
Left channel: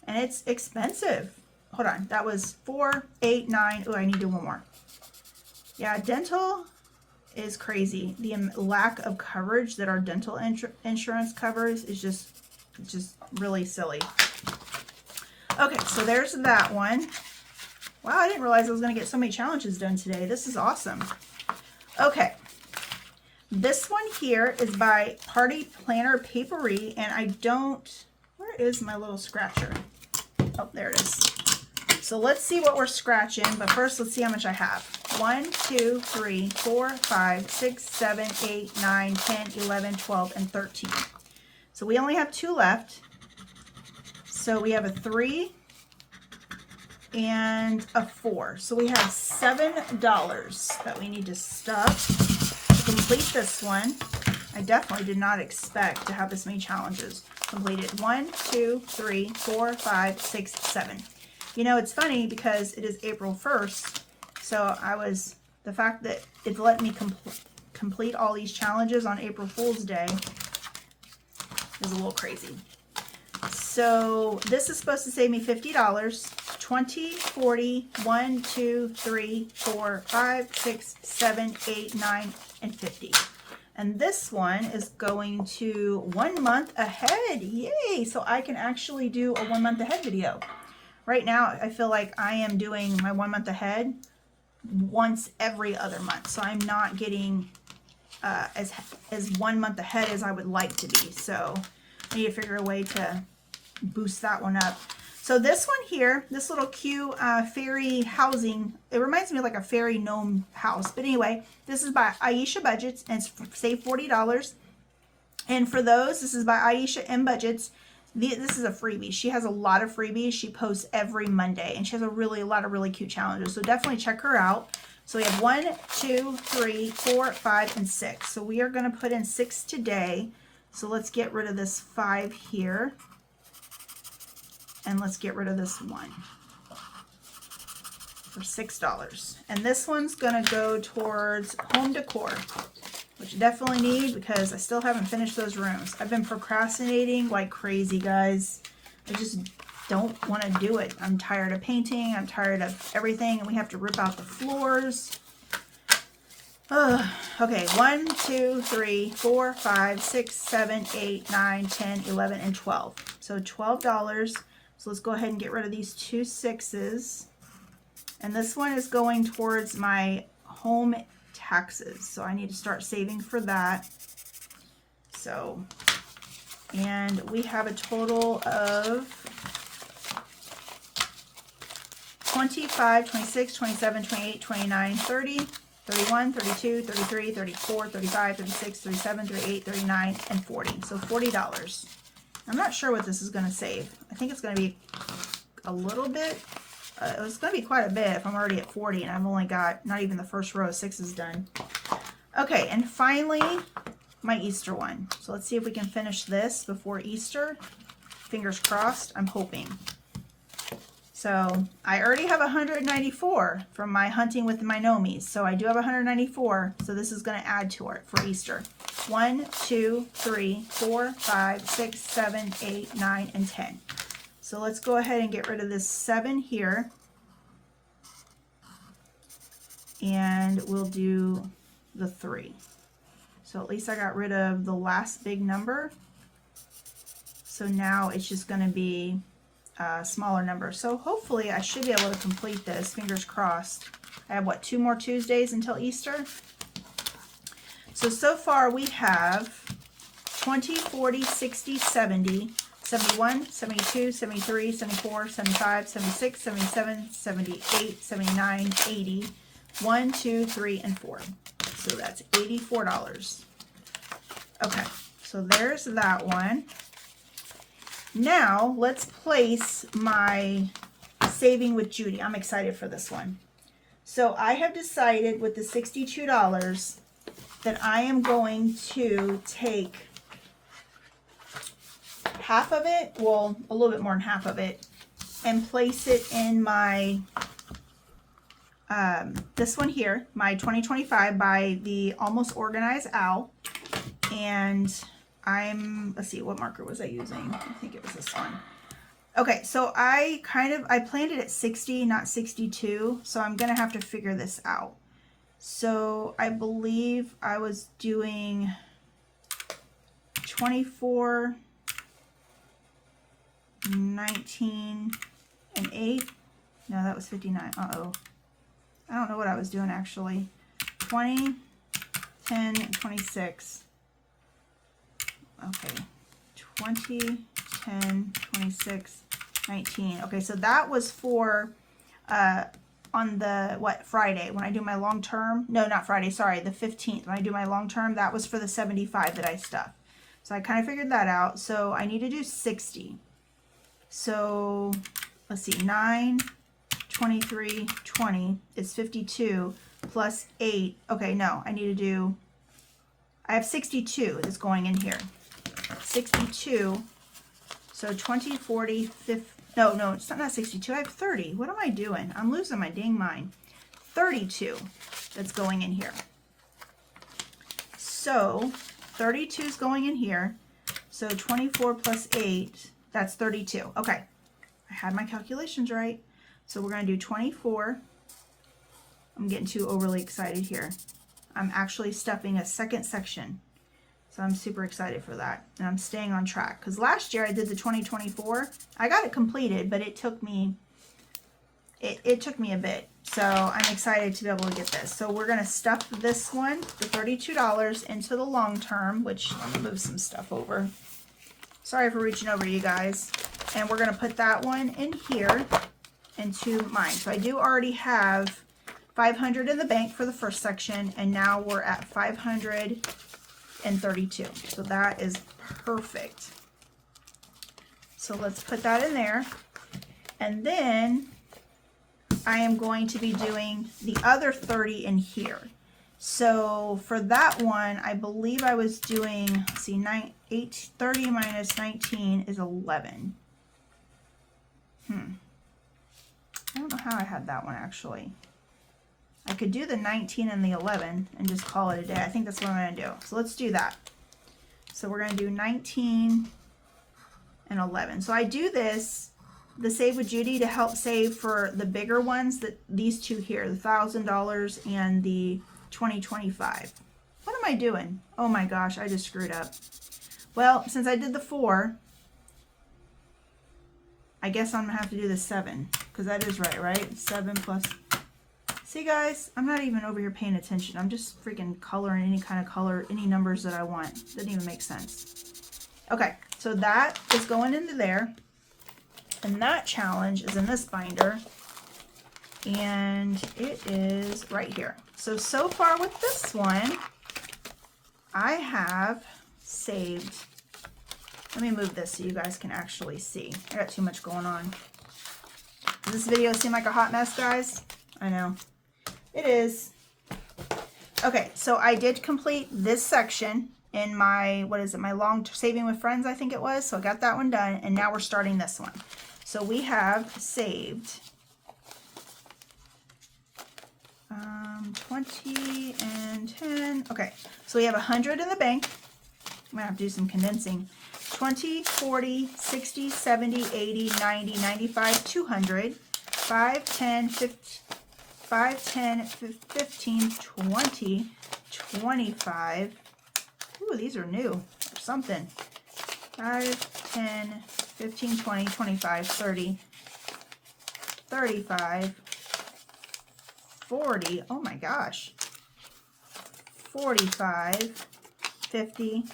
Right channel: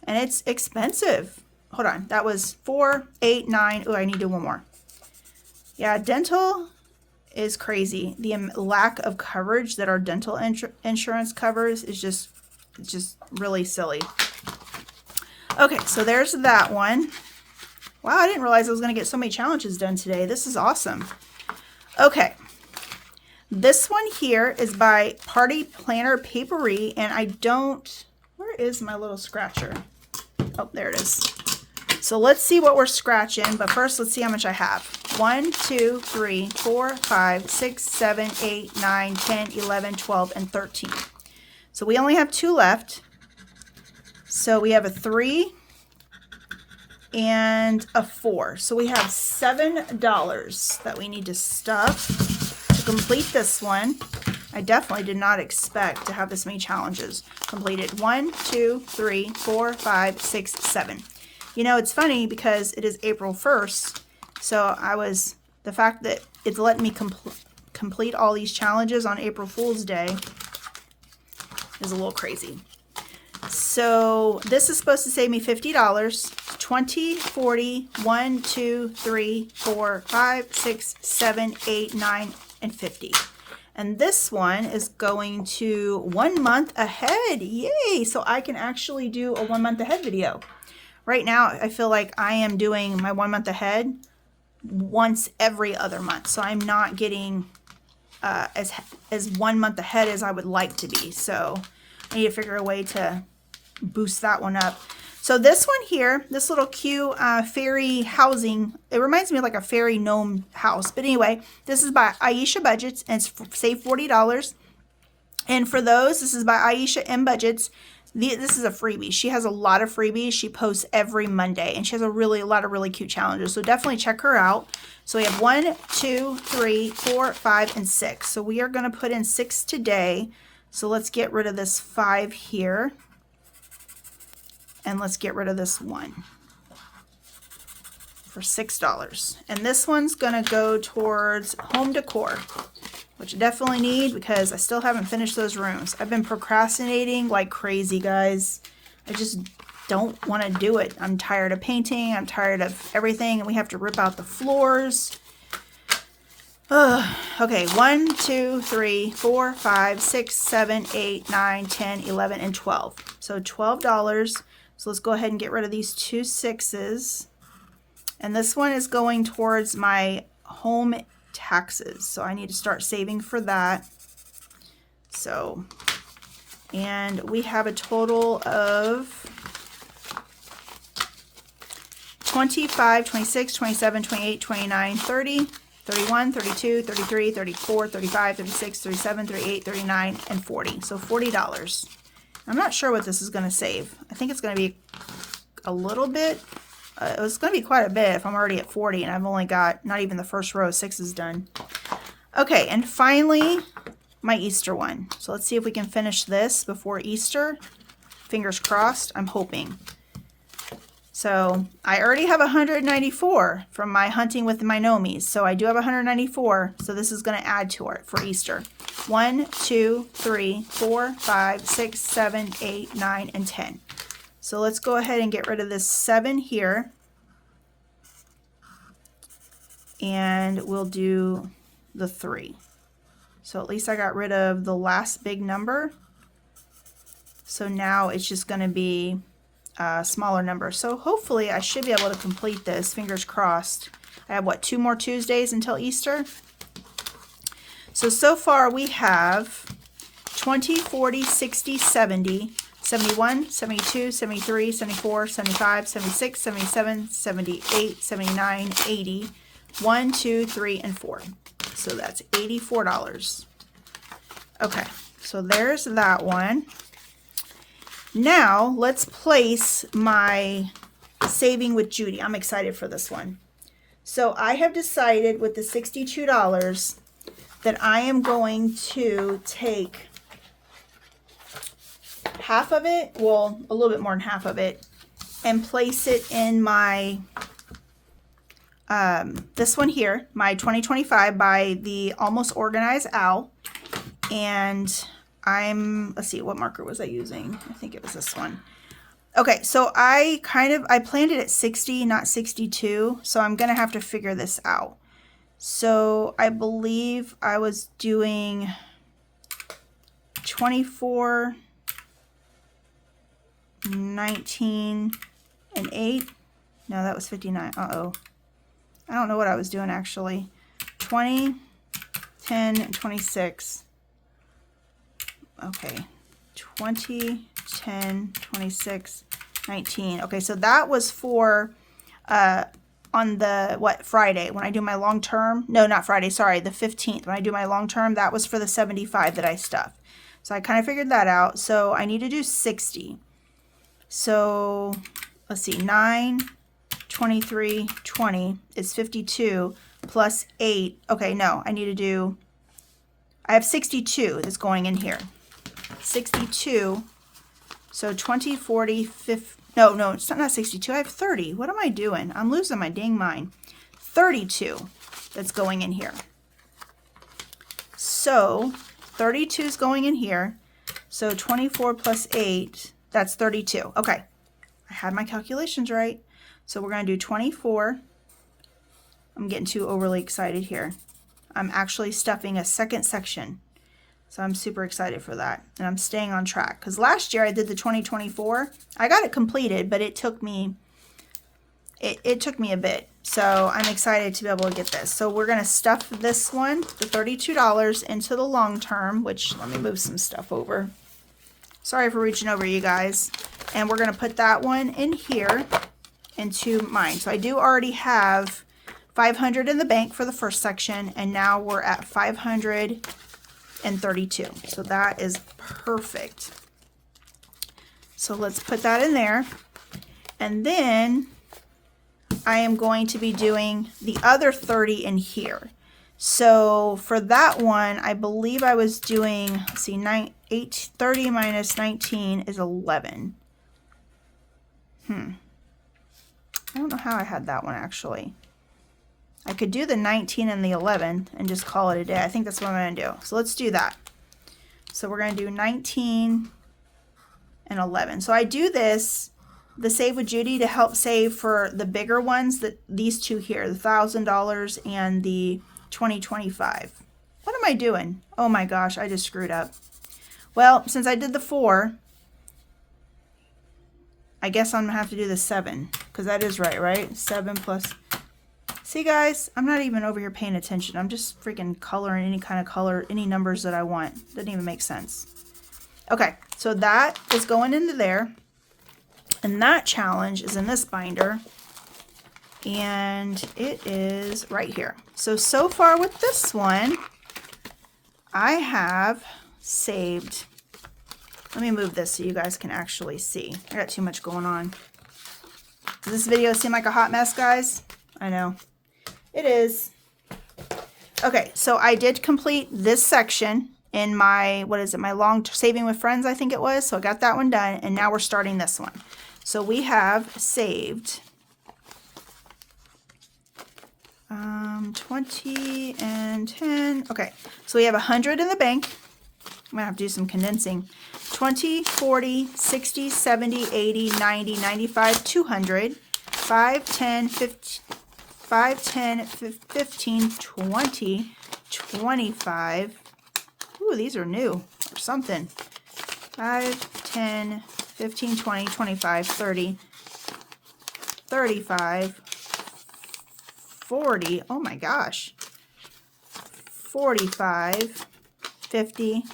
And it's expensive. Hold on. That was 4, 8, 9. Oh, I need to do one more. Yeah, dental is crazy. The lack of coverage that our dental insurance covers is just really silly. Okay, so there's that one. Wow, I didn't realize I was going to get so many challenges done today. This is awesome. Okay, this one here is by Party Planner Papery, and I don't, where is my little scratcher? Oh, there it is. So let's see what we're scratching, but first let's see how much I have. 1, 2, 3, 4, 5, 6, 7, 8, 9, 10, 11, 12, and 13. So we only have 2 left. So we have a 3 and a 4. So we have $7 that we need to stuff to complete this one. I definitely did not expect to have this many challenges completed. 1, 2, 3, 4, 5, 6, 7. You know, it's funny because it is April 1st, so the fact that it's letting me complete all these challenges on April Fool's Day is a little crazy. So this is supposed to save me $50, 20, 40, 1, 2, 3, 4, 5, 6, 7, 8, 9, and 50. And this one is going to 1 month ahead. Yay! So I can actually do a 1 month ahead video. Right now, I feel like I am doing my 1 month ahead once every other month. So I'm not getting as 1 month ahead as I would like to be. So I need to figure a way to boost that one up. So this one here, this little cute fairy housing, it reminds me of like a fairy gnome house. But anyway, this is by Aisha Budgets, and it's save $40. And for those, this is by Aisha M Budgets. This is a freebie. She has a lot of freebies. She posts every Monday, and she has a lot of really cute challenges. So definitely check her out. So we have 1, 2, 3, 4, 5, and 6. So we are going to put in 6 today. So let's get rid of this 5 here. And let's get rid of this 1 for $6. And this one's going to go towards home decor, which I definitely need because I still haven't finished those rooms. I've been procrastinating like crazy, guys. I just don't want to do it. I'm tired of painting. I'm tired of everything, and we have to rip out the floors. Okay, 1, 2, 3, 4, 5, 6, 7, 8, 9, 10, 11, and 12. So $12. So let's go ahead and get rid of these 2 6s. And this one is going towards my home taxes. So I need to start saving for that. So, and we have a total of 25, 26, 27, 28, 29, 30, 31, 32, 33, 34, 35, 36, 37, 38, 39, and 40. So $40. I'm not sure what this is going to save. I think it's going to be a little bit. It's going to be quite a bit if I'm already at 40 and I've only got not even the first row of 6s done. Okay, and finally, my Easter one. So let's see if we can finish this before Easter. Fingers crossed, I'm hoping. So I already have 194 from my hunting with my Nomies. So I do have 194. So this is going to add to it for Easter. 1, 2, 3, 4, 5, 6, 7, 8, 9, and 10. So let's go ahead and get rid of this 7 here. And we'll do the 3. So at least I got rid of the last big number. So now it's just going to be smaller number. So hopefully I should be able to complete this, fingers crossed. I have, what, 2 more Tuesdays until Easter? So far we have 20, 40, 60, 70, 71, 72, 73, 74, 75, 76, 77, 78, 79, 80, 1, 2, 3, and 4. So that's $84. Okay, so there's that one. Now let's place my Saving with Judy. I'm excited for this one. So I have decided with the $62 that I am going to take half of it, well, a little bit more than half of it, and place it in my, this one here, my 2025 by the Almost Organized Owl. And let's see, what marker was I using? I think it was this one. Okay, so I planned it at 60, not 62, so I'm gonna have to figure this out. So I believe I was doing 24, 19, and 8. No, that was 59. Uh-oh. I don't know what I was doing actually. 20, 10, and 26. Okay. 20, 10, 26, 19. Okay, so that was for on the, what, Friday, when I do my long term. No, not Friday, sorry, the 15th. When I do my long term, that was for the 75 that I stuffed. So I kind of figured that out. So I need to do 60. So let's see, 9, 23, 20 is 52 plus 8. Okay, no, I have 62 that's going in here. 62. So 20, 40, 50. No, it's not 62. I have 30. What am I doing? I'm losing my dang mind. 32 that's going in here. So 32 is going in here. So 24 plus 8, that's 32. Okay, I had my calculations right. So we're going to do 24. I'm getting too overly excited here. I'm actually stuffing a second section. So I'm super excited for that. And I'm staying on track. Because last year I did the 2024. I got it completed, but it took me a bit. So I'm excited to be able to get this. So we're going to stuff this one, the $32, into the long term, which, let me move some stuff over. Sorry for reaching over, you guys. And we're going to put that one in here into mine. So I do already have 500 in the bank for the first section, and now we're at 532. So that is perfect. So let's put that in there. And then I am going to be doing the other 30 in here. So for that one, I believe I was doing, let's see, 30 minus 19 is 11. I don't know how I had that one actually. I could do the 19 and the 11 and just call it a day. I think that's what I'm going to do. So let's do that. So we're going to do 19 and 11. So I do this, the Save with Judy, to help save for the bigger ones, that these two here, the $1,000 and the 2025. What am I doing? Oh my gosh, I just screwed up. Well, since I did the 4, I guess I'm going to have to do the 7, because that is right? 7 plus... See guys, I'm not even over here paying attention. I'm just freaking coloring any kind of color, any numbers that I want. Doesn't even make sense. Okay, so that is going into there. And that challenge is in this binder. And it is right here. So far with this one, I have saved. Let me move this so you guys can actually see. I got too much going on. Does this video seem like a hot mess, guys? I know. It is. Okay, so I did complete this section in my, what is it, my long Saving with Friends, I think it was. So I got that one done, and now we're starting this one. So we have saved 20 and 10. Okay, so we have 100 in the bank. I'm gonna have to do some condensing. 20, 40, 60, 70, 80, 90, 95, 200, 5, 10, 15, 5, 10, 15, 20, 25. Ooh, these are new or something. 5, 10, 15, 20, 25, 30, 35, 40, oh my gosh, 45, 50,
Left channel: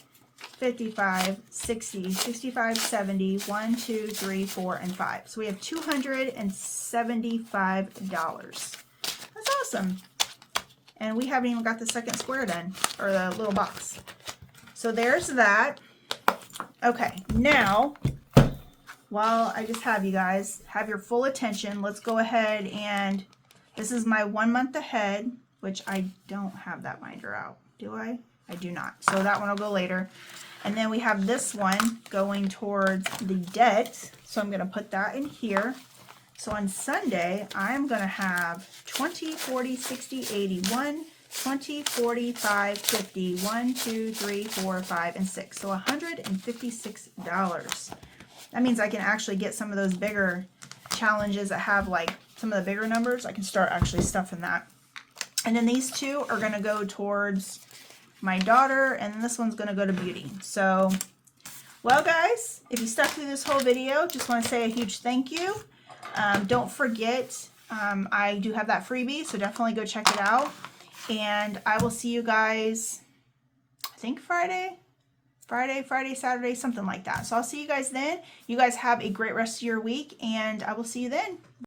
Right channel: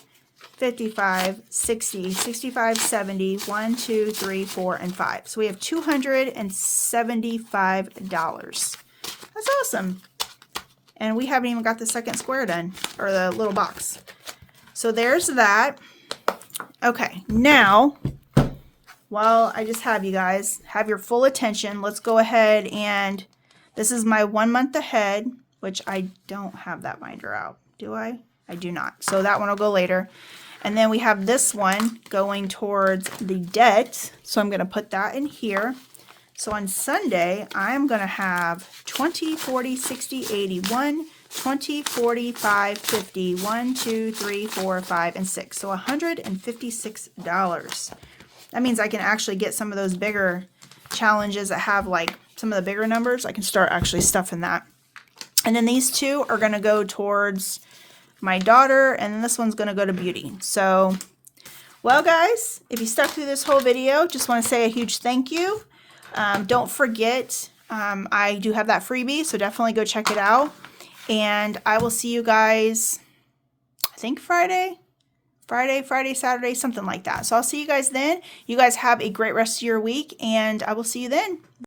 55, 60, 65, 70, 1, 2, 3, 4, and 5. So we have $275. That's awesome. And we haven't even got the second square done, or the little box. So there's that. Okay, now, while I just have you guys have your full attention, let's go ahead and, this is my 1 month ahead, which I don't have that binder out, do I? I do not. So that one will go later. And then we have this one going towards the debt. So I'm going to put that in here. So on Sunday, I'm going to have 20, 40, 60, 80, 1, 20, 45, 50, 1, 2, 3, 4, 5, and 6. So $156. That means I can actually get some of those bigger challenges that have like some of the bigger numbers. I can start actually stuffing that. And then these two are going to go towards my daughter, and then this one's going to go to beauty. So, well guys, if you stuck through this whole video, just want to say a huge thank you. Don't forget, I do have that freebie, so definitely go check it out. And I will see you guys, I think Friday, Saturday, something like that. So I'll see you guys then. You guys have a great rest of your week, and I will see you then.